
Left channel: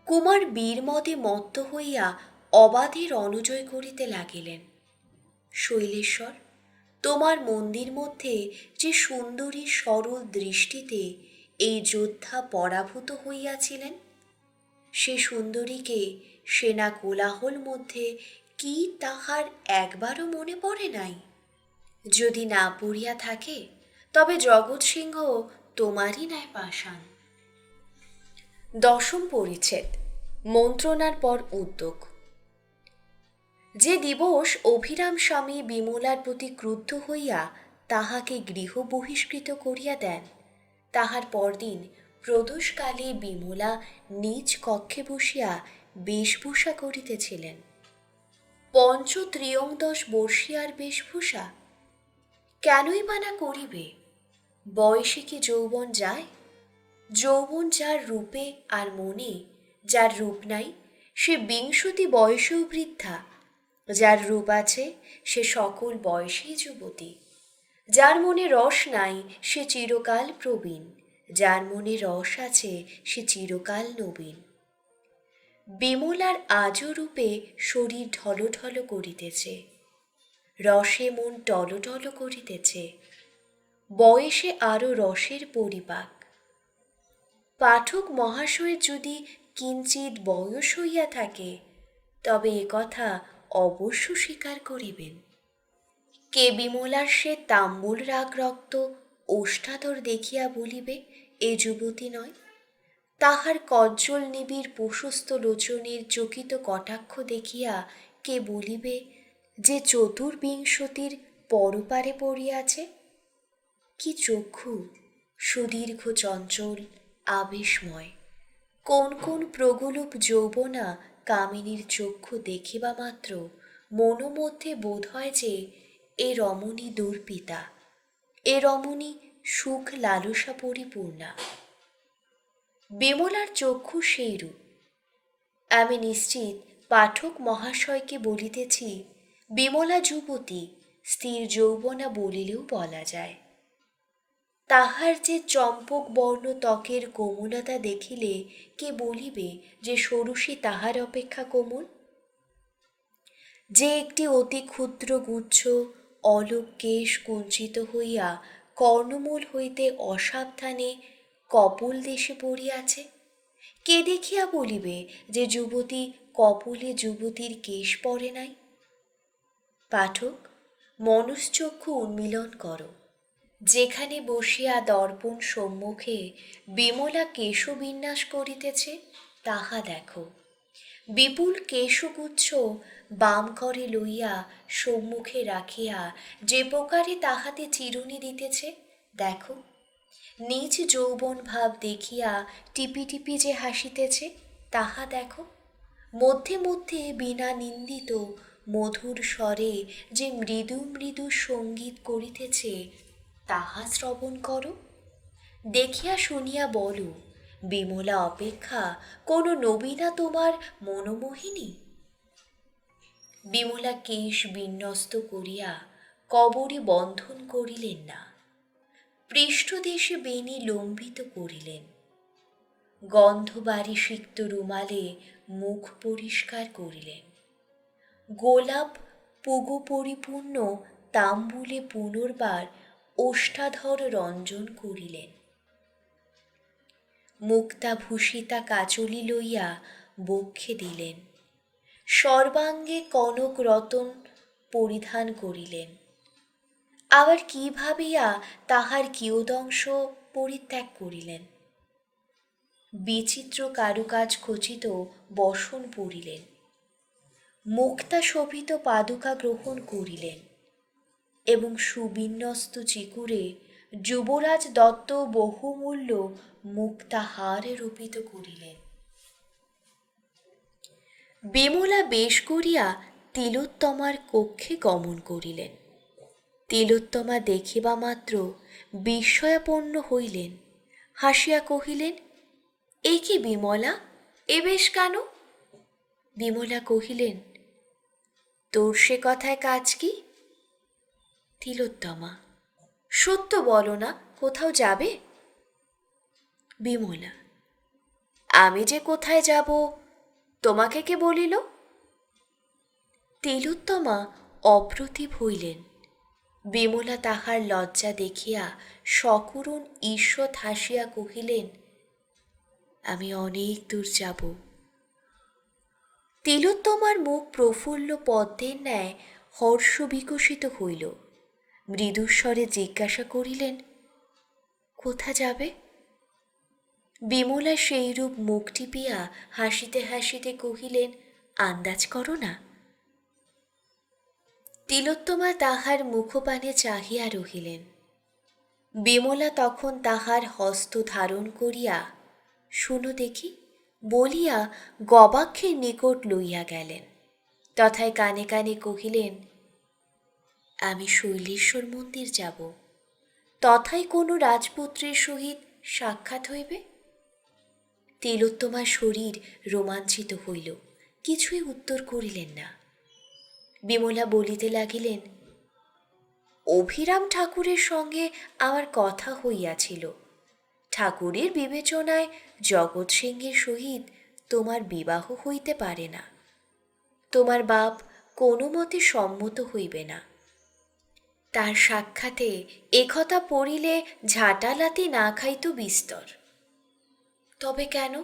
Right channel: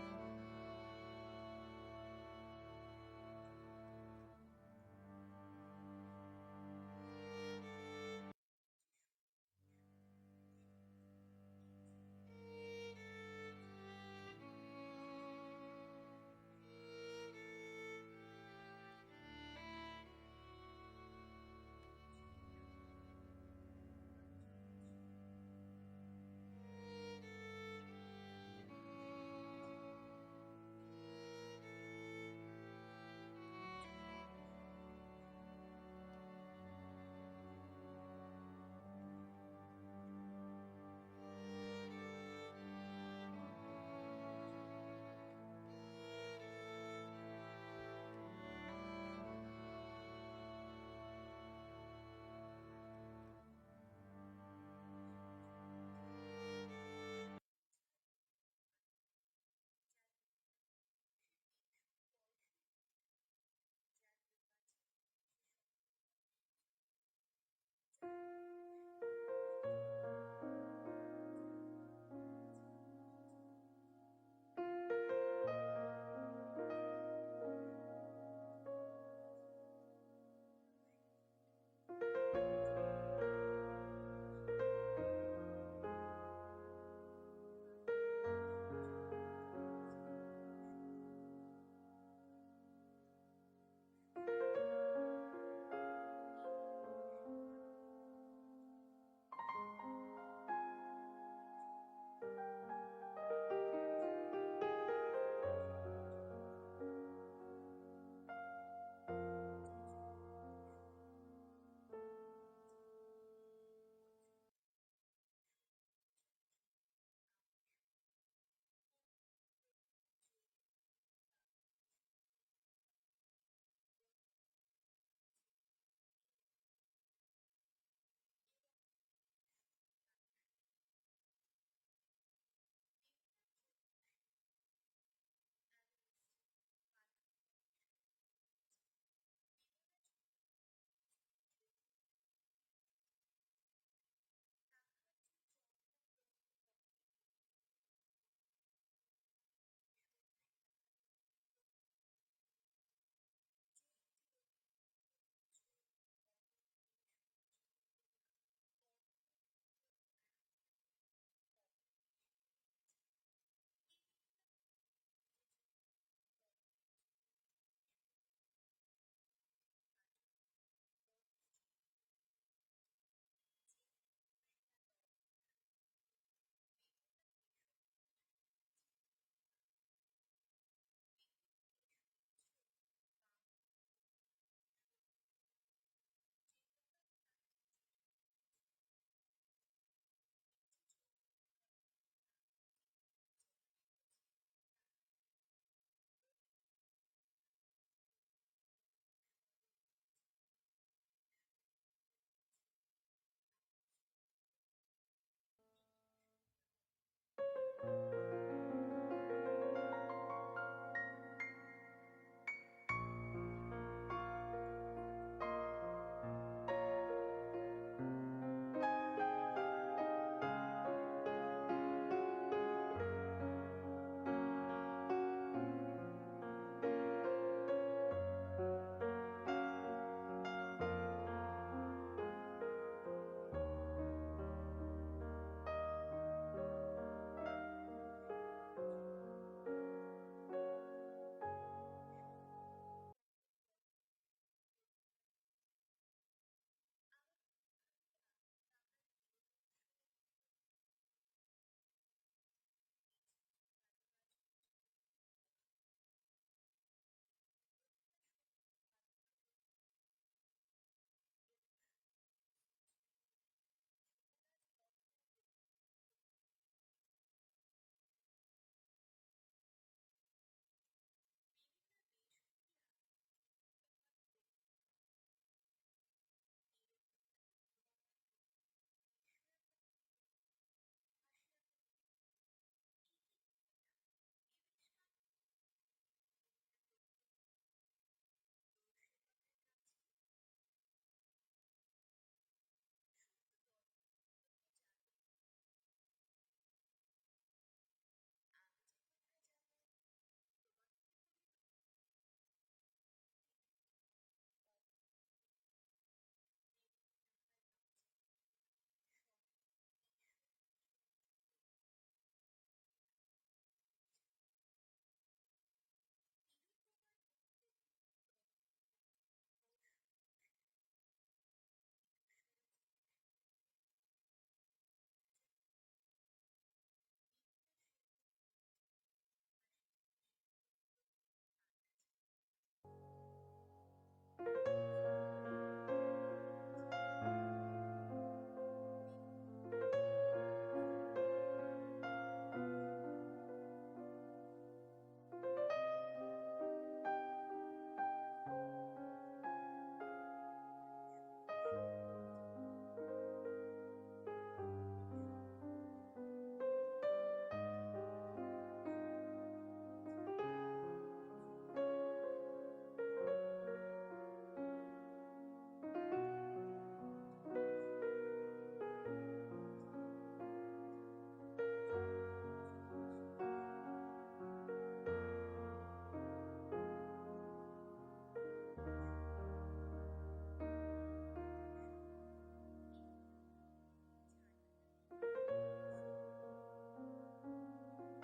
কুমার বীরমদে মত্ত হইয়া অবাধে রণজয় করিতে লাগিলেন। শৈলেশ্বর, তোমার মন্দির মধ্যে যে সুন্দরী সরল দৃষ্টিতে এই যোদ্ধা পরাভূত হইয়াছিলেন, সে সুন্দরীকে সেনা কোলাহল মধ্যে কি তাহার একবারও মনে পড়ে নাই? যদি না পড়িয়া থাকে তবে জগৎ সিংহ তোমারই ন্যায় পাষাণ। ১০ম পরিচ্ছেদ, মন্ত্রণার পর উদ্যোগ। যে দিবস অভিরাম স্বামী বিমলার প্রতি ক্রুদ্ধ হইয়া তাহাকে গৃহ বহিষ্কৃত করিয়া দেন, তাহার পরদিন প্রদোষকালে বিমলা নিজ কক্ষে বসিয়া বেশভূষা করিতেছিলেন। পঞ্চত্রিয়ংদশ বর্ষীয়ার বেশভূষা কেনই বা না করিবে? বয়সে কি যৌবন যায়? যৌবন যার রূপে আর মনে, যার রূপ নাই, সে ২০ বয়সেও বৃদ্ধা। যার রূপ আছে সে সকল বয়সেই যুবতী, যার মনে রস নাই সে চিরকাল প্রবীণ, যার মনে রস আছে সে চিরকাল নবীন। বিমলার আজও রূপে শরীর ঢলঢল করিতেছে, রসে মন টলটল করিতেছে, বয়সে আরো রসের পরিপাক। পাঠক মহাশয়ের যদি কিঞ্চিৎ বয়স হইয়া থাকে, তবে এ কথা অবশ্য স্বীকার করিবেন। কে বিমলার সে তাম্বুল রাগ রক্ত ওষ্ঠাধর দেখিয়া বলিবে এ যুবতী নয়? তাহার কজ্জল নিবিড় প্রশস্ত লোচনের চকিত কটাক্ষ দেখিয়া কে বলিবে যে চতুর্বিংশতির পরপারে পড়িয়াছে? কি চক্ষু, সুদীর্ঘ চঞ্চল আবেশময়! কোন কোন প্রগলুপ যৌবনা কামিনীর চক্ষু দেখিবা মাত্র মনোমধ্যে বোধ হয় যে এ রমণী দুর্পিতা, এ রমণী সুখ লালসা পরিপূর্ণা। বিমলার চক্ষু সেইরূপ। আমি নিশ্চিত পাঠক মহাশয়কে বলিতেছি, বিমলা যুবতী, স্থির যৌবনা বলিলেও বলা যায়। তাহার যে চম্পক বর্ণ ত্বকের কোমলতা দেখিলে কে বলিবে যে ষোড়শী তাহার অপেক্ষা কোমল? যে একটি অতি ক্ষুদ্র গুচ্ছ অলোক কেশ কুঞ্চিত হইয়া কর্ণমূল হইতে অসাবধানে কপোল দেশে পড়িয়াছে, কে দেখিয়া বলিবে যে যুবতী কপোলে যুবতীর কেশ পড়ে নাই? পাঠক, মনশ্চক্ষু উন্মীলন করো। যেখানে বসিয়া দর্পণ সম্মুখে বিমলা কেশবিন্যাস করিতেছে তাহা দেখো। বিপুল কেশগুচ্ছ বাম করে লইয়া সম্মুখে রাখিয়া যে প্রকারে তাহাতে চিরুনি দিতেছে দেখো। নিজ যৌবন ভাব দেখিয়া টিপি টিপি যে হাসিতেছে তাহা দেখো। মধ্যে মধ্যে বিনা নিন্দিত মধুর স্বরে যে মৃদু মৃদু সঙ্গীত করিতেছে তাহা শ্রবণ করো। দেখিয়া শুনিয়া বলো, বিমলা অপেক্ষা কোন নবীনা তোমার মনোমোহিনী? বিমলা কেশ বিন্যস্ত করিয়া কবরে বন্ধন করিলেন না, পৃষ্ঠদেশে বেণী লম্বিত করিলেন, গন্ধবারি সিক্ত রুমালে মুখ পরিষ্কার করিলেন, গোলাপ পুগু পরিপূর্ণ তাম্বুলে পুনর্বার ওষ্ঠাধর রঞ্জন করিলেন, মুক্তাভূষিতা কাচলি লইয়া বক্ষে দিলেন, সর্বাঙ্গে কনক রতন পরিধান করিলেন। আবার কি ভাবিয়া তাহার কিয়দংশ পরিত্যাগ করিলেন, বিচিত্র কারুকাজ খচিত বসন পরিলেন, মুক্তা শোভিত পাদুকা গ্রহণ করিলেন এবং সুবিন্যস্ত চিকুরে যুবরাজ দত্ত বহুমূল্য মুক্তাহার রূপিত করিলেন। বিমলা বেশ করিয়া তিলোত্তমার কক্ষে গমন করিলেন। তিলোত্তমা দেখিবা মাত্র বিস্ময়াপন্ন হইলেন, হাসিয়া কহিলেন, এ কি বিমলা, এ বেশ কেন? বিমলা কহিলেন, তোর সে কথায় কাজ কি? তিলোত্তমা, সত্য বলো না, কোথাও যাবে? বিমলা, আমি যে কোথায় যাব তোমাকে কে বলিল? তিলোত্তমা অপ্রতিভ হইলেন। বিমলা তাহার লজ্জা দেখিয়া সকরুণ ঈষৎ হাসিয়া কহিলেন, আমি অনেক দূর যাব। তিলোত্তমার মুখ প্রফুল্ল পদ্মের ন্যায় হর্ষ বিকশিত হইল। মৃদুস্বরে জিজ্ঞাসা করিলেন, কোথা যাবে? বিমলা সেইরূপ মুখ টিপিয়া হাসিতে হাসিতে কহিলেন, আন্দাজ করো না। তিলোত্তমা তাহার মুখপানে চাহিয়া রহিলেন। বিমলা তখন তাহার হস্ত ধারণ করিয়া, শুনো দেখি বলিয়া গবাক্ষের নিকট লইয়া গেলেন। তথায় কানে কানে কহিলেন, আমি শৈলেশ্বর মন্দির যাব, তথায় কোনো রাজপুত্রের সহিত সাক্ষাৎ হইবে। তিলোত্তমার শরীর রোমাঞ্চিত হইল, কিছুই উত্তর করিলেন না। বিমলা বলিতে লাগিলেন, অভিরাম ঠাকুরের সঙ্গে আমার কথা হইয়াছিল। ঠাকুরের বিবেচনায় জগৎ সিংহের সহিত তোমার বিবাহ হইতে পারে না। তোমার বাপ কোনো মতে সম্মত হইবে না। তার সাক্ষাতে একথা পড়িলে ঝাঁটালাতি না খাইত বিস্তর। তবে কেন?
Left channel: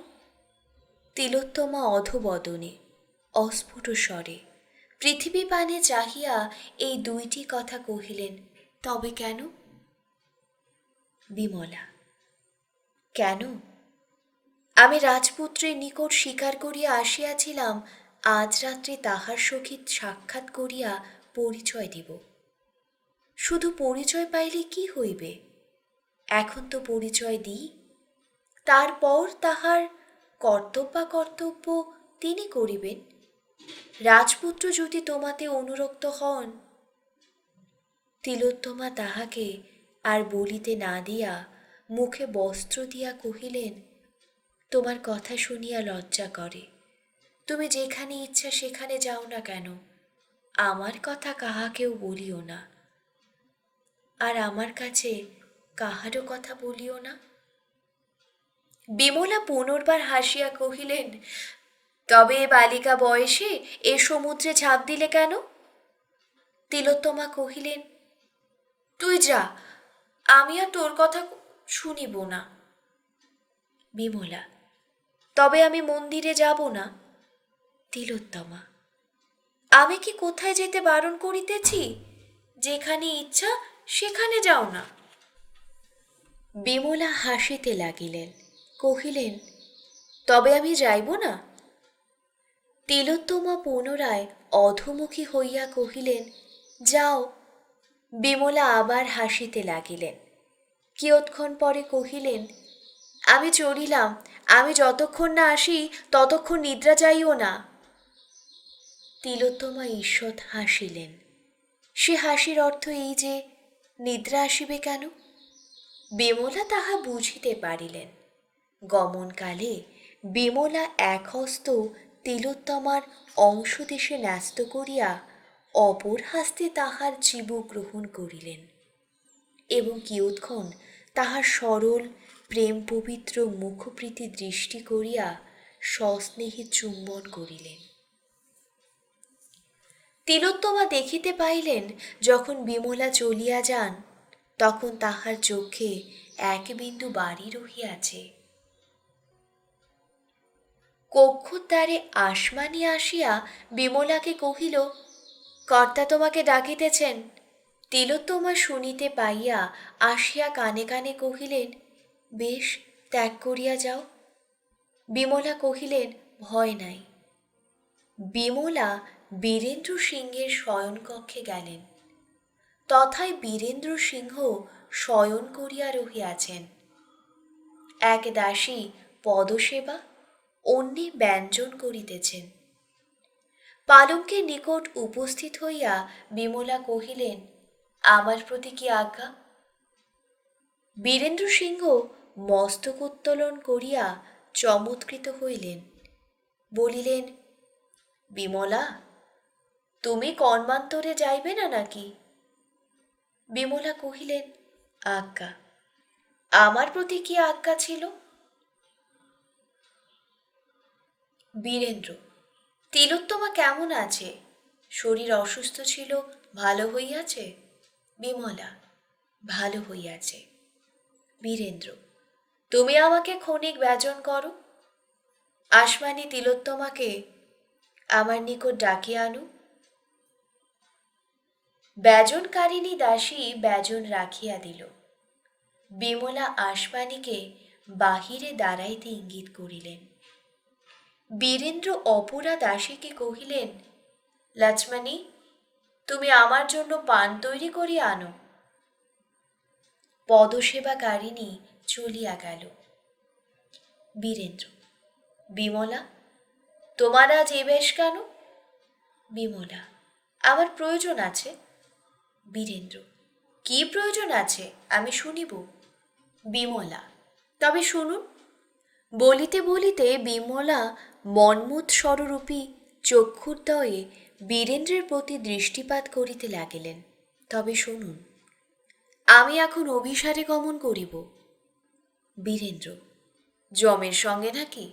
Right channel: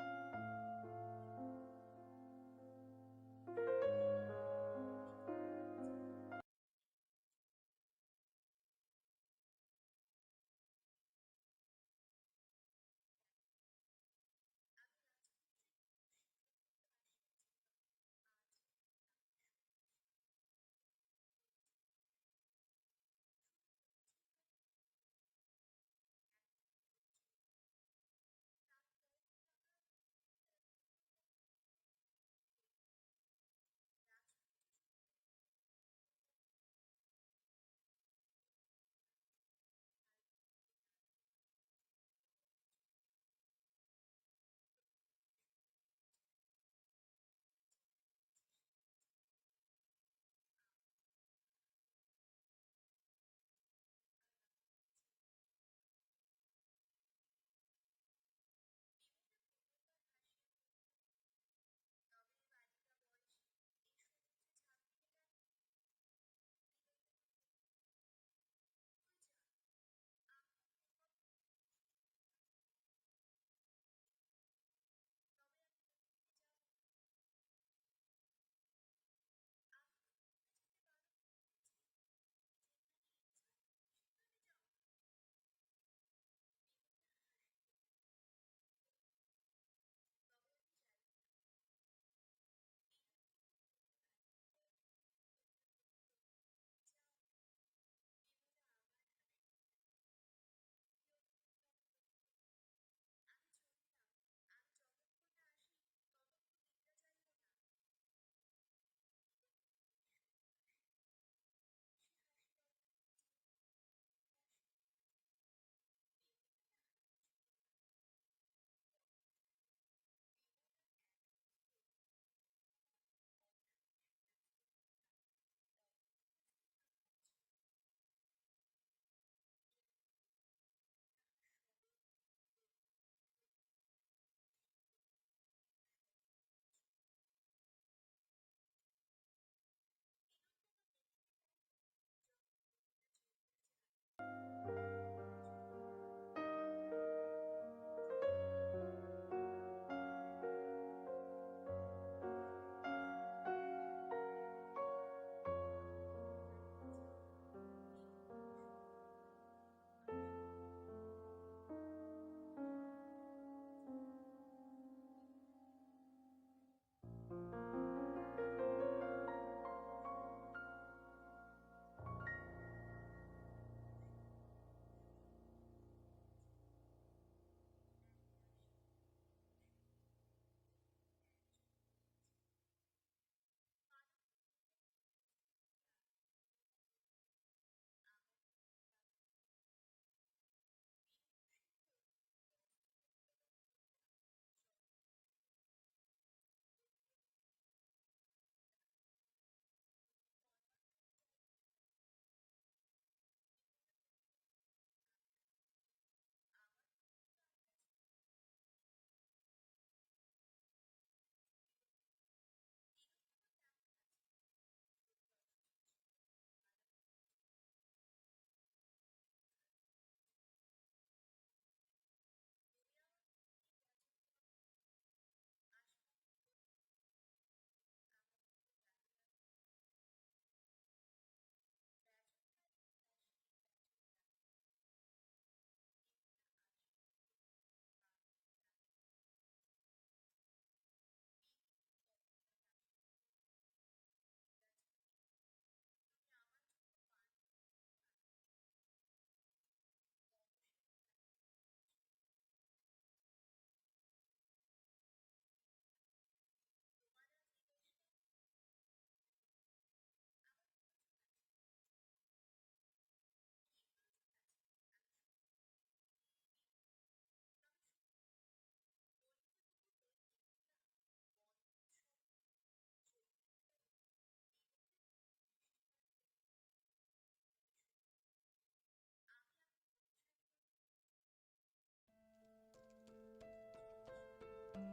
তিলোত্তমা অধোবদনে অস্ফুট স্বরে পৃথিবী পানে চাহিয়া এই দুইটি কথা কহিলেন, তবে কেন? বিমলা, কেন? আমি রাজপুত্রের নিকট স্বীকার করিয়া আসিয়াছিলাম আজ রাত্রে তাহার সহিত সাক্ষাৎ করিয়া পরিচয় দিব। শুধু পরিচয় পাইলে কি হইবে? এখন তো পরিচয় দিই, তারপর তাহার কর্তব্য তিনি করিবেন। রাজপুত্র যদি তোমাতে অনুরক্ত হন। তিলোত্তমা তাহাকে আর বলিতে না দিয়া মুখে বস্ত্র দিয়া কহিলেন, তোমার কথা শুনিয়া লজ্জা করে। তুমি যেখানে ইচ্ছা সেখানে যাও না কেন, আমার কথা কাহাকেও বলিও না, আর আমার কাছে কাহারও কথা বলিও না। বিমলা পুনর্বার হাসিয়া কহিলেন, তবে বালিকা বয়সে এ সমুদ্রে ঝাঁপ দিলে কেন? তিলোত্তমা কহিলেন, তুই যা, আমি আর তোর কথা শুনিব না। বিমলা, তবে আমি মন্দিরে যাব না। তিলোত্তমা, আমি কি কোথায় যেতে বারণ করিতেছি? যেখানে ইচ্ছা সেখানে যাও না। বিমলা হাসিতে লাগিলেন, কহিলেন, তবে আমি যাইব না? তিলোত্তমা পুনরায় অধোমুখী হইয়া কহিলেন, যাও। বিমলা আবার হাসিতে লাগিলেন। কিয়ৎক্ষণ পরে কহিলেন, আমি চলিলাম, আমি যতক্ষণ না আসি ততক্ষণ নিদ্রা যাইও না। তিলোত্তমা ঈষৎ হাসিলেন। সে হাসির অর্থ এই যে নিদ্রা আসিবে কেন? বিমলা তাহা বুঝিতে পারিলেন। গমনকালে বিমলা এক হস্ত তিলোত্তমার অংশদেশে ন্যস্ত করিয়া অপর হস্তে তাহার চিবুক গ্রহণ করিলেন এবং কিয়ৎক্ষণ তাহার সরল প্রেম পবিত্র মুখপ্রীতি দৃষ্টি করিয়া সস্নেহে চুম্বন করিলেন। তিলোত্তমা দেখিতে পাইলেন, যখন বিমলা চলিয়া যান তখন তাহার চক্ষে এক বিন্দু বাড়ি রহিয়াছে। কক্ষদ্বারে আসমানি আসিয়া বিমলাকে কহিল, কর্তা তোমাকে ডাকিতেছেন। তিলোত্তমা শুনিতে পাইয়া আসিয়া কানে কানে কহিলেন, বেশ, ত্যাগ করিয়া যাও। বিমলা কহিলেন, ভয় নাই। বিমলা বীরেন্দ্র সিংহের শয়নকক্ষে গেলেন। তথায় বীরেন্দ্র সিংহ শয়ন করিয়া রহিয়াছেন। এক দাসী পদসেবা, অন্যে ব্যঞ্জন করিতেছেন। পালঙ্কের নিকট উপস্থিত হইয়া বিমলা কহিলেন, আমার প্রতি কি আজ্ঞা? বীরেন্দ্র সিংহ মস্তক উত্তোলন করিয়া চমৎকৃত হইলেন। বলিলেন, বিমলা, তুমি কর্মান্তরে যাইবে না নাকি? বিমলা কহিলেন, আজ্ঞা। আমার প্রতি কি আজ্ঞা ছিল? বীরেন্দ্র, তিলোত্তমা কেমন আছে? শরীর অসুস্থ ছিল, ভালো হইয়াছে? বিমলা, ভালো হইয়াছে। বীরেন্দ্র, তুমি আমাকে ক্ষণিক ব্যজন করো। আসমানি তিলোত্তমাকে আমার নিকট ডাকিয়া আনো। ব্যজনকারিণী দাসী ব্যজন রাখিয়া দিল। বিমলা আসমানিকে বাহিরে দাঁড়াইতে ইঙ্গিত করিলেন। বীরেন্দ্র অপরা দাসীকে কহিলেন, লক্ষ্মণী, তুমি আমার জন্য পান তৈরি করিয়া আনো। পদসেবাকারিণী চলিয়া গেল। বীরেন্দ্র, বিমলা, তোমার আজ এ বেশ কেন? বিমলা, আমার প্রয়োজন আছে। বীরেন্দ্র, কি প্রয়োজন আছে আমি শুনিব। বিমলা, তবে শুনুন। বলিতে বলিতে বিমলা মন্মথ স্বরূপী চক্ষুর্দয়ে বীরেন্দ্রের প্রতি দৃষ্টিপাত করিতে লাগিলেন। তবে শুনুন, আমি এখন অভিসারে গমন করিব। বীরেন্দ্র, যমের সঙ্গে নাকি?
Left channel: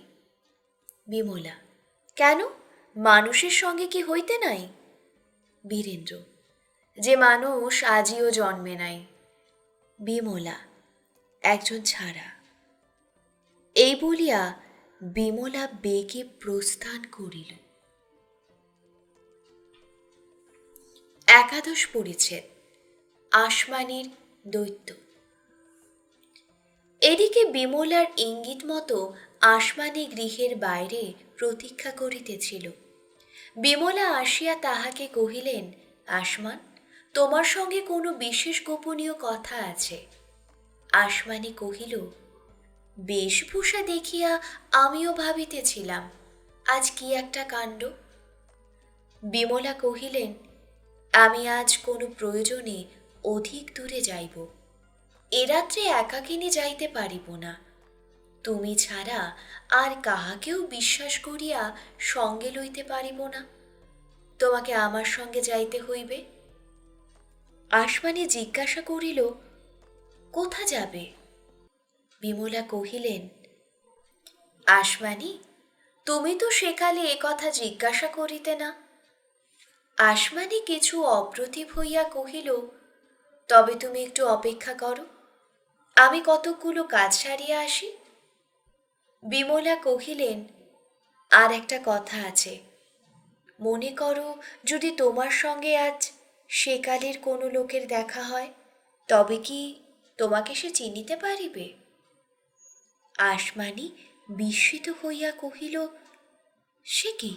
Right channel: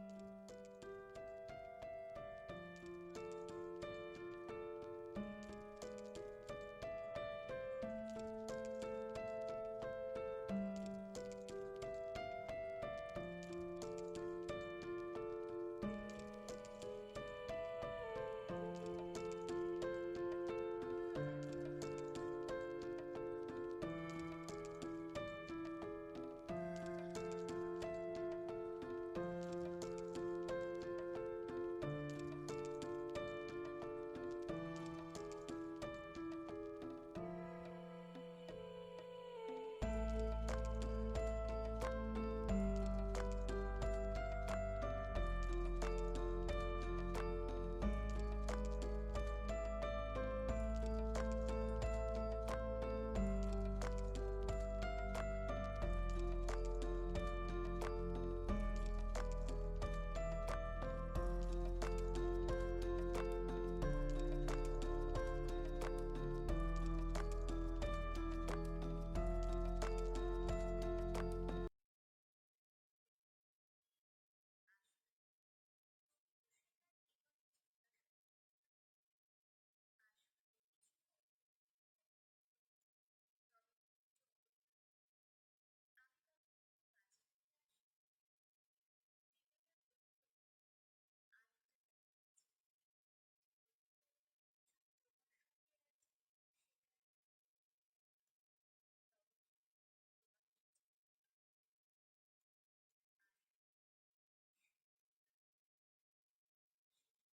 বিমলা, কেন, মানুষের সঙ্গে কি হইতে নাই? বীরেন্দ্র, যে মানুষ আজিও জন্মে নাই। বিমলা, একজন ছাড়া। এই বলিয়া বিমলা বেগে প্রস্থান করিল। একাদশ পরিচ্ছেদ, আসমানির দৈত্য। এদিকে বিমলার ইঙ্গিত মতো আসমানি গৃহের বাইরে প্রতীক্ষা করিতেছিল। বিমলা আসিয়া তাহাকে কহিলেন, আসমান, তোমার সঙ্গে কোনো বিশেষ গোপনীয় কথা আছে। আসমানি কহিল, বেশভূষা দেখিয়া আমিও ভাবিতেছিলাম আজ কি একটা কাণ্ড। বিমলা কহিলেন, আমি আজ কোনো প্রয়োজনে অধিক দূরে যাইব। এ রাত্রে একাকিনী যাইতে পারিব না। তুমি ছাড়া আর কাহাকেও বিশ্বাস করিয়া সঙ্গে লইতে পারিব না। তোমাকে আমার সঙ্গে যাইতে হইবে। আসমানি জিজ্ঞাসা করিল, কোথা যাবে? বিমলা কহিলেন, আসমানি, তুমি তো সেকালে এ কথা জিজ্ঞাসা করিতে না। আসমানি কিছু অপ্রতিভ হইয়া কহিল, তবে তুমি একটু অপেক্ষা করো, আমি কতকগুলো কাজ সারিয়া আসি। বিমলা কহিলেন, আর একটা কথা আছে। মনে করো যদি তোমার সঙ্গে আজ সেকালের কোনো লোকের দেখা হয়, তবে কি তোমাকে সে চিনিতে পারিবে? আসমানি বিস্মিত হইয়া কহিল, সে কি?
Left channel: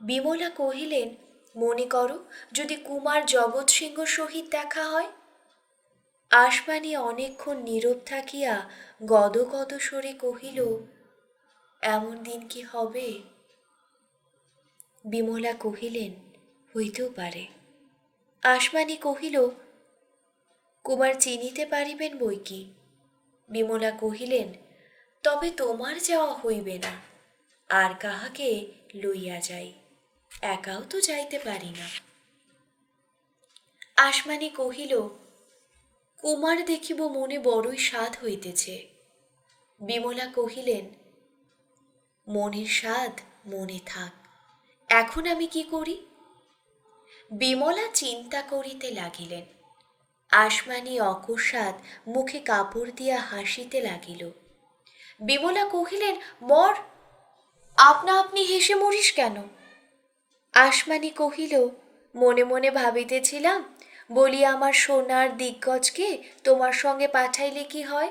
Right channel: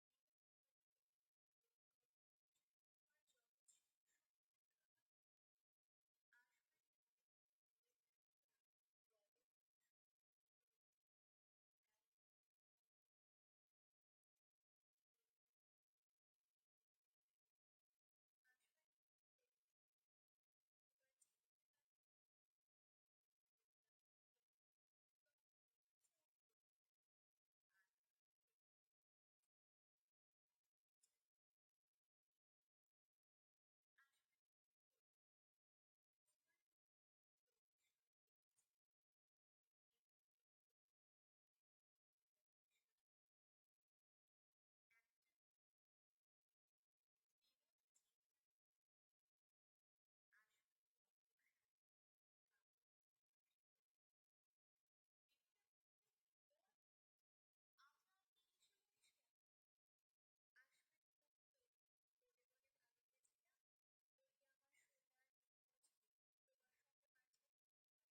বিমলা কহিলেন, মনে করো যদি কুমার জগৎ সিংহ সহিত দেখা হয়। আসমানি অনেকক্ষণ নীরব থাকিয়া গদগদ স্বরে কহিল, এমন দিন কি হবে? বিমলা কহিলেন, হইতেও পারে। আসমানি কহিল, কুমার চিনিতে পারিবেন বই কি। বিমলা কহিলেন, তবে তোমার যাওয়া হইবে না, আর কাহাকে লইয়া যাই, একাও তো যাইতে পারি না। আসমানি কহিল, কুমার দেখিব মনে বড়ই স্বাদ হইতেছে। বিমলা কহিলেন, মনের স্বাদ মনে থাক, এখন আমি কি করি? বিমলা চিন্তা করিতে লাগিলেন। আসমানি অকস্মাৎ মুখে কাপড় দিয়া হাসিতে লাগিল। বিমলা কহিলেন, মর, আপনা আপনি হেসে মরিস কেন? আসমানি কহিল, মনে মনে ভাবিতেছিলাম, বলি আমার সোনার দিগ্গজকে তোমার সঙ্গে পাঠাইলে কি হয়?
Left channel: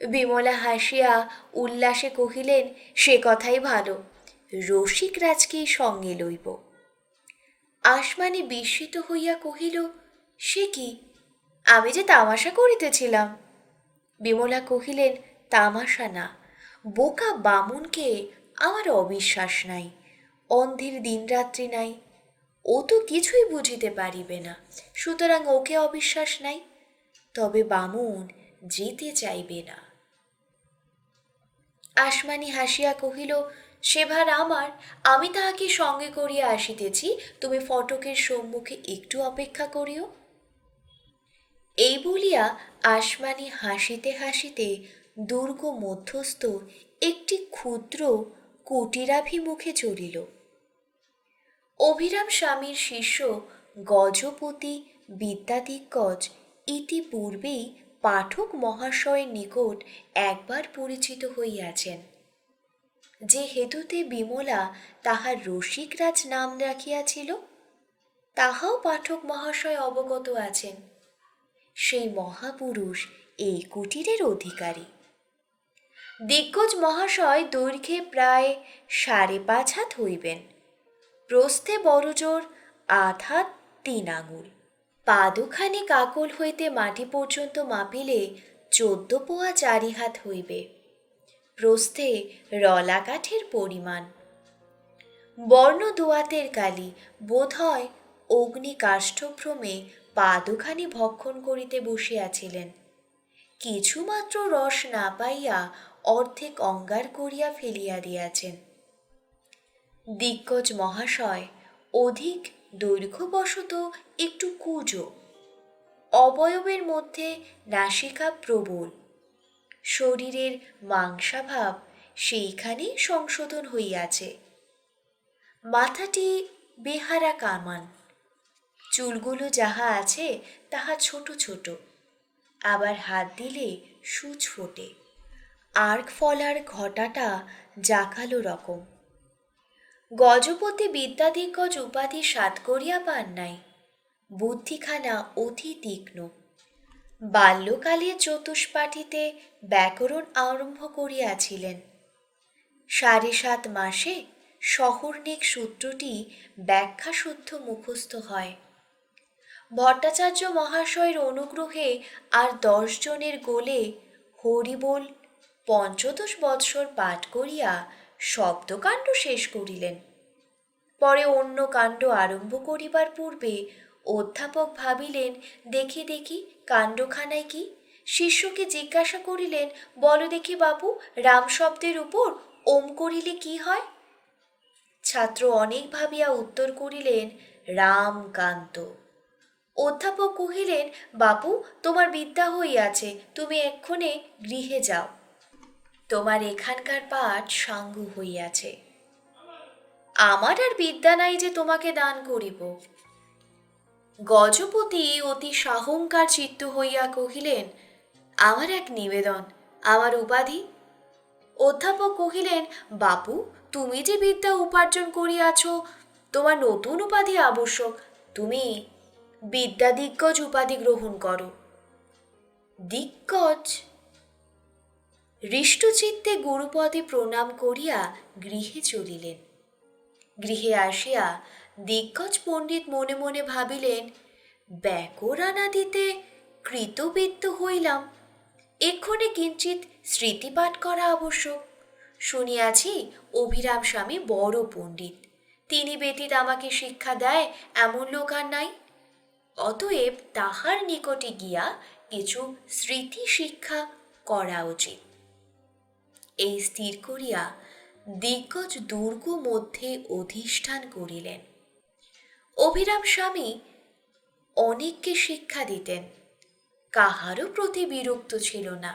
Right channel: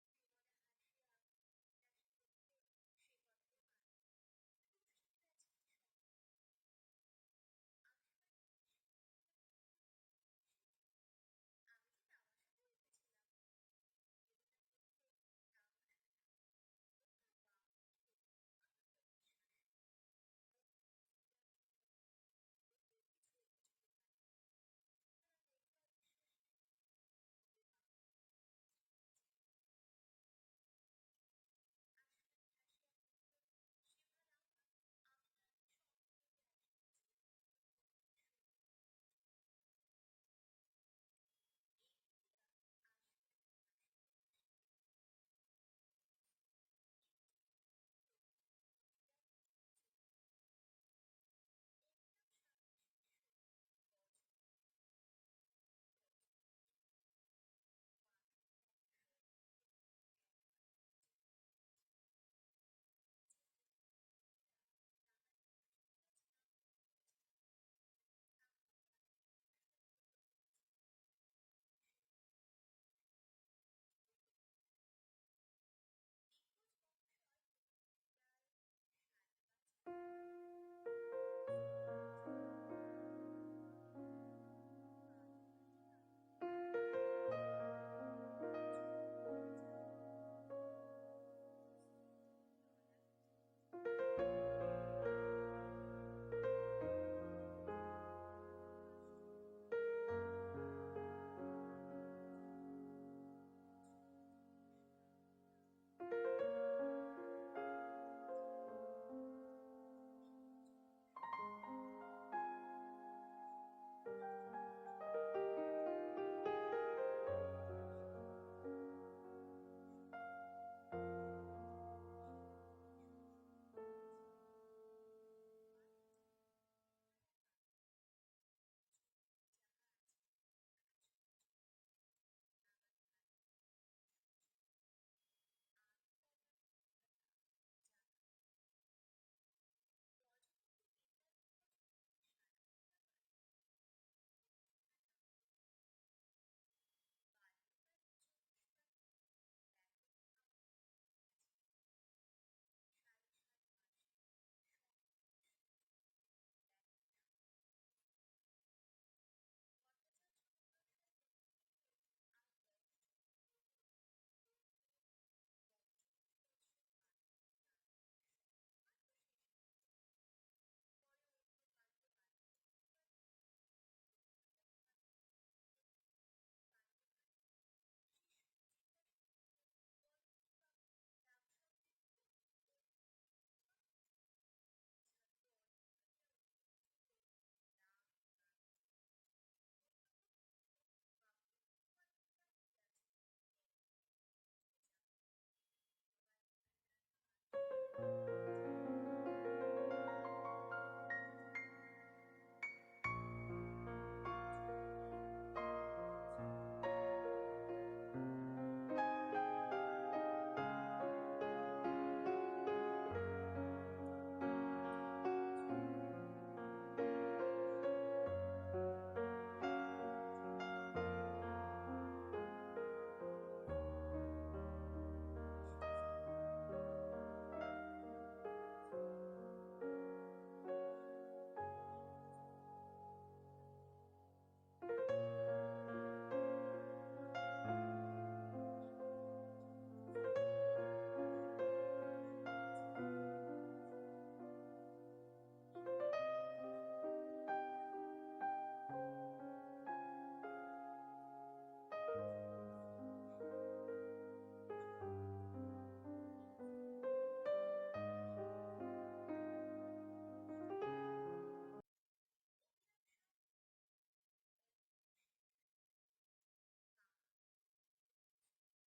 বিমলা হাসিয়া উল্লাসে কহিলেন, সে কথাই ভালো, রসিক রাজকেই সঙ্গে লইব। আসমানি বিস্মিত হইয়া কহিল, সে কি, আমি যে তামাশা করিতেছিলাম। বিমলা কহিলেন, তামাশা না, বোকা বামুনকে আমার অবিশ্বাস নাই, অন্ধের দিনরাত্রি নাই, ও তো কিছুই বুঝিতে পারিবে না, সুতরাং ওকে অবিশ্বাস নাই। তবে বামুন যেতে চাইবে না। আসমানি হাসিয়া কহিল, সে ভার আমার, আমি তাহাকে সঙ্গে করিয়া আসিতেছি, তুমি ফটকের সম্মুখে একটু অপেক্ষা করিও। এই বলিয়া আসমানি হাসিতে হাসিতে দুর্গ মধ্যস্থ একটি ক্ষুদ্র কুটিরাভিমুখে চলিল। অভিরাম স্বামীর শিষ্য গজপতি বিদ্যাদিগ্গজ ইতিপূর্বেই পাঠক মহাশয়ের নিকট একবার পরিচিত হইয়াছেন, যে হেতুতে বিমলা তাহার রসিকরাজ নাম রাখিয়াছিল, তাহাও পাঠক মহাশয় অবগত আছেন। সেই মহাপুরুষ এই কুটিরের অধিকারী। দিগ্গজ মহাশয় দৈর্ঘ্যে প্রায় 5.5 হাত হইবেন, প্রস্থে বড়জোর 8 হাত 3 আঙুল, পাদুখানি কাকল হইতে মাটি পর্যন্ত মাপিলে 14 পোয়া 4 হাত হইবে, প্রস্থে রলা কাঠের পরিমাণ। বর্ণ দোয়াতের কালি, বোধ হয় অগ্নি কাষ্ঠভ্রমে পাদুখানি ভক্ষণ করিতে বসিয়াছিলেন, কিছুমাত্র রস না পাইয়া অর্ধেক অঙ্গার করিয়া ফেলিয়া দিয়াছেন। দিগ্গজ মহাশয় অধিক দৈর্ঘ্যবশত একটু কুঁজো, অবয়বের মধ্যে নাসিকা প্রবল, শরীরের মাংসাভাব সেইখানে সংশোধন হইয়াছে। মাথাটি বেহারা কামান, চুলগুলো যাহা আছে তাহা ছোট ছোট, আবার হাত দিলে সূচ ফোটে, আর্ক ফলার ঘটাটা জাকালো রকম। গজপতি বিদ্যাদিগ্গজ উপাধি সাত করিয়া পান নাই, বুদ্ধিখানা অতি তীক্ষ্ণ। বাল্যকালে চতুষ্পাঠীতে ব্যাকরণ আরম্ভ করিয়াছিলেন। 7.5 মাসে সহর্ণিক সূত্রটি ব্যাখ্যাশুদ্ধ মুখস্থ হয়। ভট্টাচার্য মহাশয়ের অনুগ্রহে আর 10 জনের গোলে হরিবোল 15 বৎসর পাঠ করিয়া শব্দকাণ্ড শেষ করিলেন। পরে অন্য কাণ্ড আরম্ভ করিবার পূর্বে অধ্যাপক ভাবিলেন, দেখি দেখি কাণ্ডখানায় কি। শিষ্যকে জিজ্ঞাসা করিলেন, বলো দেখি বাবু, রাম শব্দের উপর ওম করিলে কি হয়? ছাত্র অনেক ভাবিয়া উত্তর করিলেন, রামকান্ত। অধ্যাপক কহিলেন, বাপু, তোমার বিদ্যা হইয়াছে, তুমি এক্ষণে গৃহে যাও, তোমার এখানকার পাঠ সাঙ্গ হইয়াছে। আমার আর বিদ্যা নাই যে তোমাকে দান করিব। গজপতি অতি সাহংকার চিত্ত হইয়া কহিলেন, আমার এক নিবেদন, আমার উপাধি। অধ্যাপক কহিলেন, বাপু, তুমি যে বিদ্যা উপার্জন করিয়াছ, তোমার নতুন উপাধি আবশ্যক, তুমি বিদ্যাদিগ্গজ উপাধি গ্রহণ করো। দিগ্গজ? হৃষ্টচিত্তে গুরুপদে প্রণাম করিয়া গৃহে চলিলেন। গৃহে আসিয়া দিগ্গজ পণ্ডিত মনে মনে ভাবিলেন, ব্যাকরণাদিতে কৃতবিত্ত হইলাম, এক্ষণে কিঞ্চিৎ স্মৃতিপাঠ করা আবশ্যক। শুনিয়াছি অভিরাম স্বামী বড় পণ্ডিত, তিনি ব্যতীত আমাকে শিক্ষা দেয় এমন লোক আর নাই। অতএব তাহার নিকটে গিয়া কিছু স্মৃতি শিক্ষা করা উচিত। এই স্থির করিয়া দিগ্গজ দুর্গ মধ্যে অধিষ্ঠান করিলেন। অভিরাম স্বামী অনেককে শিক্ষা দিতেন, কাহারও প্রতি বিরক্ত ছিল না।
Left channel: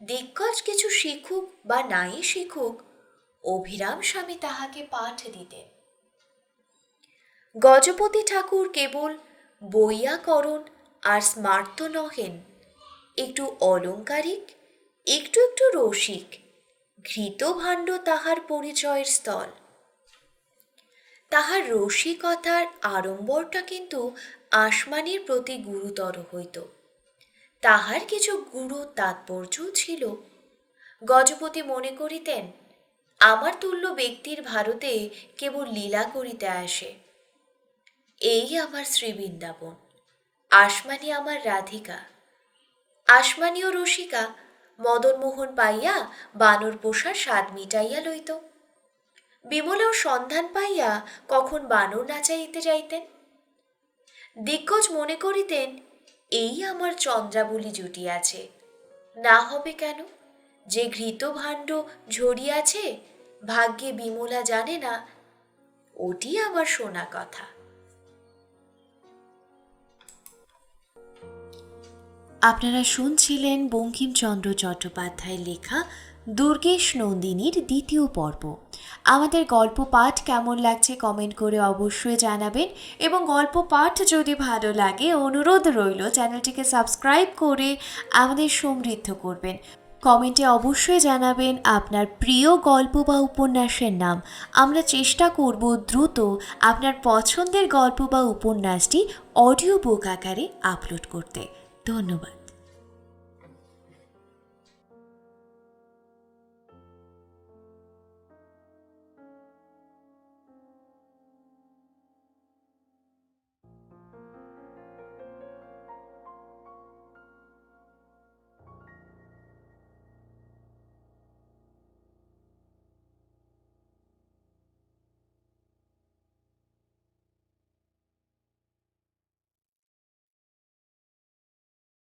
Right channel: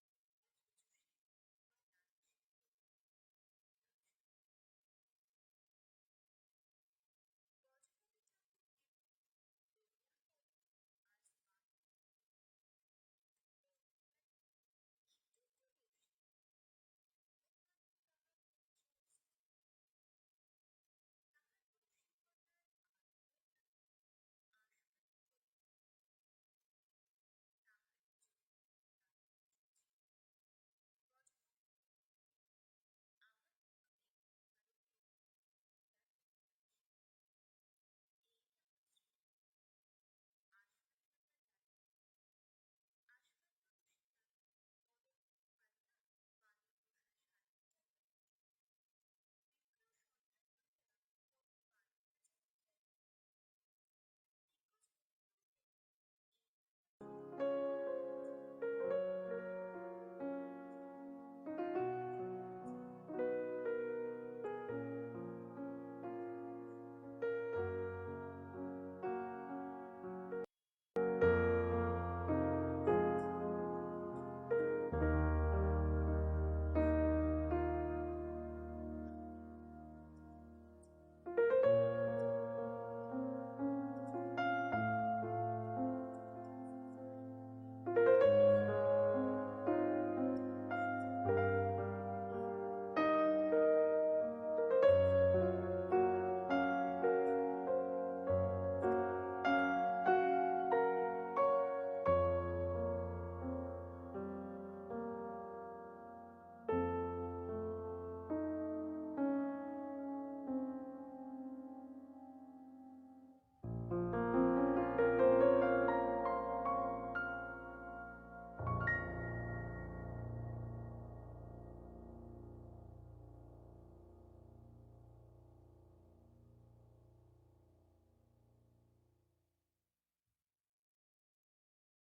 দিগ্গজ কিছু শিখুক বা নাই শিখুক, অভিরাম স্বামী তাহাকে পাঠ দিতেন। গজপতি ঠাকুর কেবল বৈয়াকরণ আর স্মার্ত নহেন, একটু অলংকারিক, একটু একটু রসিক, ঘৃতভাণ্ড তাহার পরিচয়ের স্থল। তাহার রসিকতার আড়ম্বরটা কিন্তু আসমানির প্রতি গুরুতর হইত। তাহার কিছু গুরু তাৎপর্যও ছিল। গজপতি মনে করিতেন, আমার তুল্য ব্যক্তির ভারতে কেবল লীলা করিতে আসে। এই আমার শ্রীবৃন্দাবন, আসমানি আমার রাধিকা। আসমানীয় রসিকা মদনমোহন পাইয়া বানর পোষার স্বাদ মিটাইয়া লইত। বিমলাও সন্ধান পাইয়া কখন বানর নাচাইতে যাইতেন। দিগ্গজ মনে করিতেন, এই আমার চন্দ্রাবলী জুটিয়াছে, না হবে কেন? যে ঘৃতভাণ্ড ঝরিয়াছে, ভাগ্যে বিমলা জানে না, ওটি আমার শোনা কথা। আপনারা শুনছিলেন বঙ্কিমচন্দ্র চট্টোপাধ্যায়ের লেখা দুর্গেশ নন্দিনীর 2য় পর্ব। আমাদের গল্প পাঠ কেমন লাগছে কমেন্ট করে অবশ্যই জানাবেন, এবং গল্প পাঠ যদি ভালো লাগে অনুরোধ রইল চ্যানেলটিকে সাবস্ক্রাইব করে আমাদের সমৃদ্ধ করবেন। কমেন্টে অবশ্যই জানাবেন আপনার প্রিয় গল্প বা উপন্যাসের নাম। আমরা চেষ্টা করব দ্রুত আপনার পছন্দের গল্প বা উপন্যাসটি অডিও বুক আকারে আপলোড করতে। ধন্যবাদ।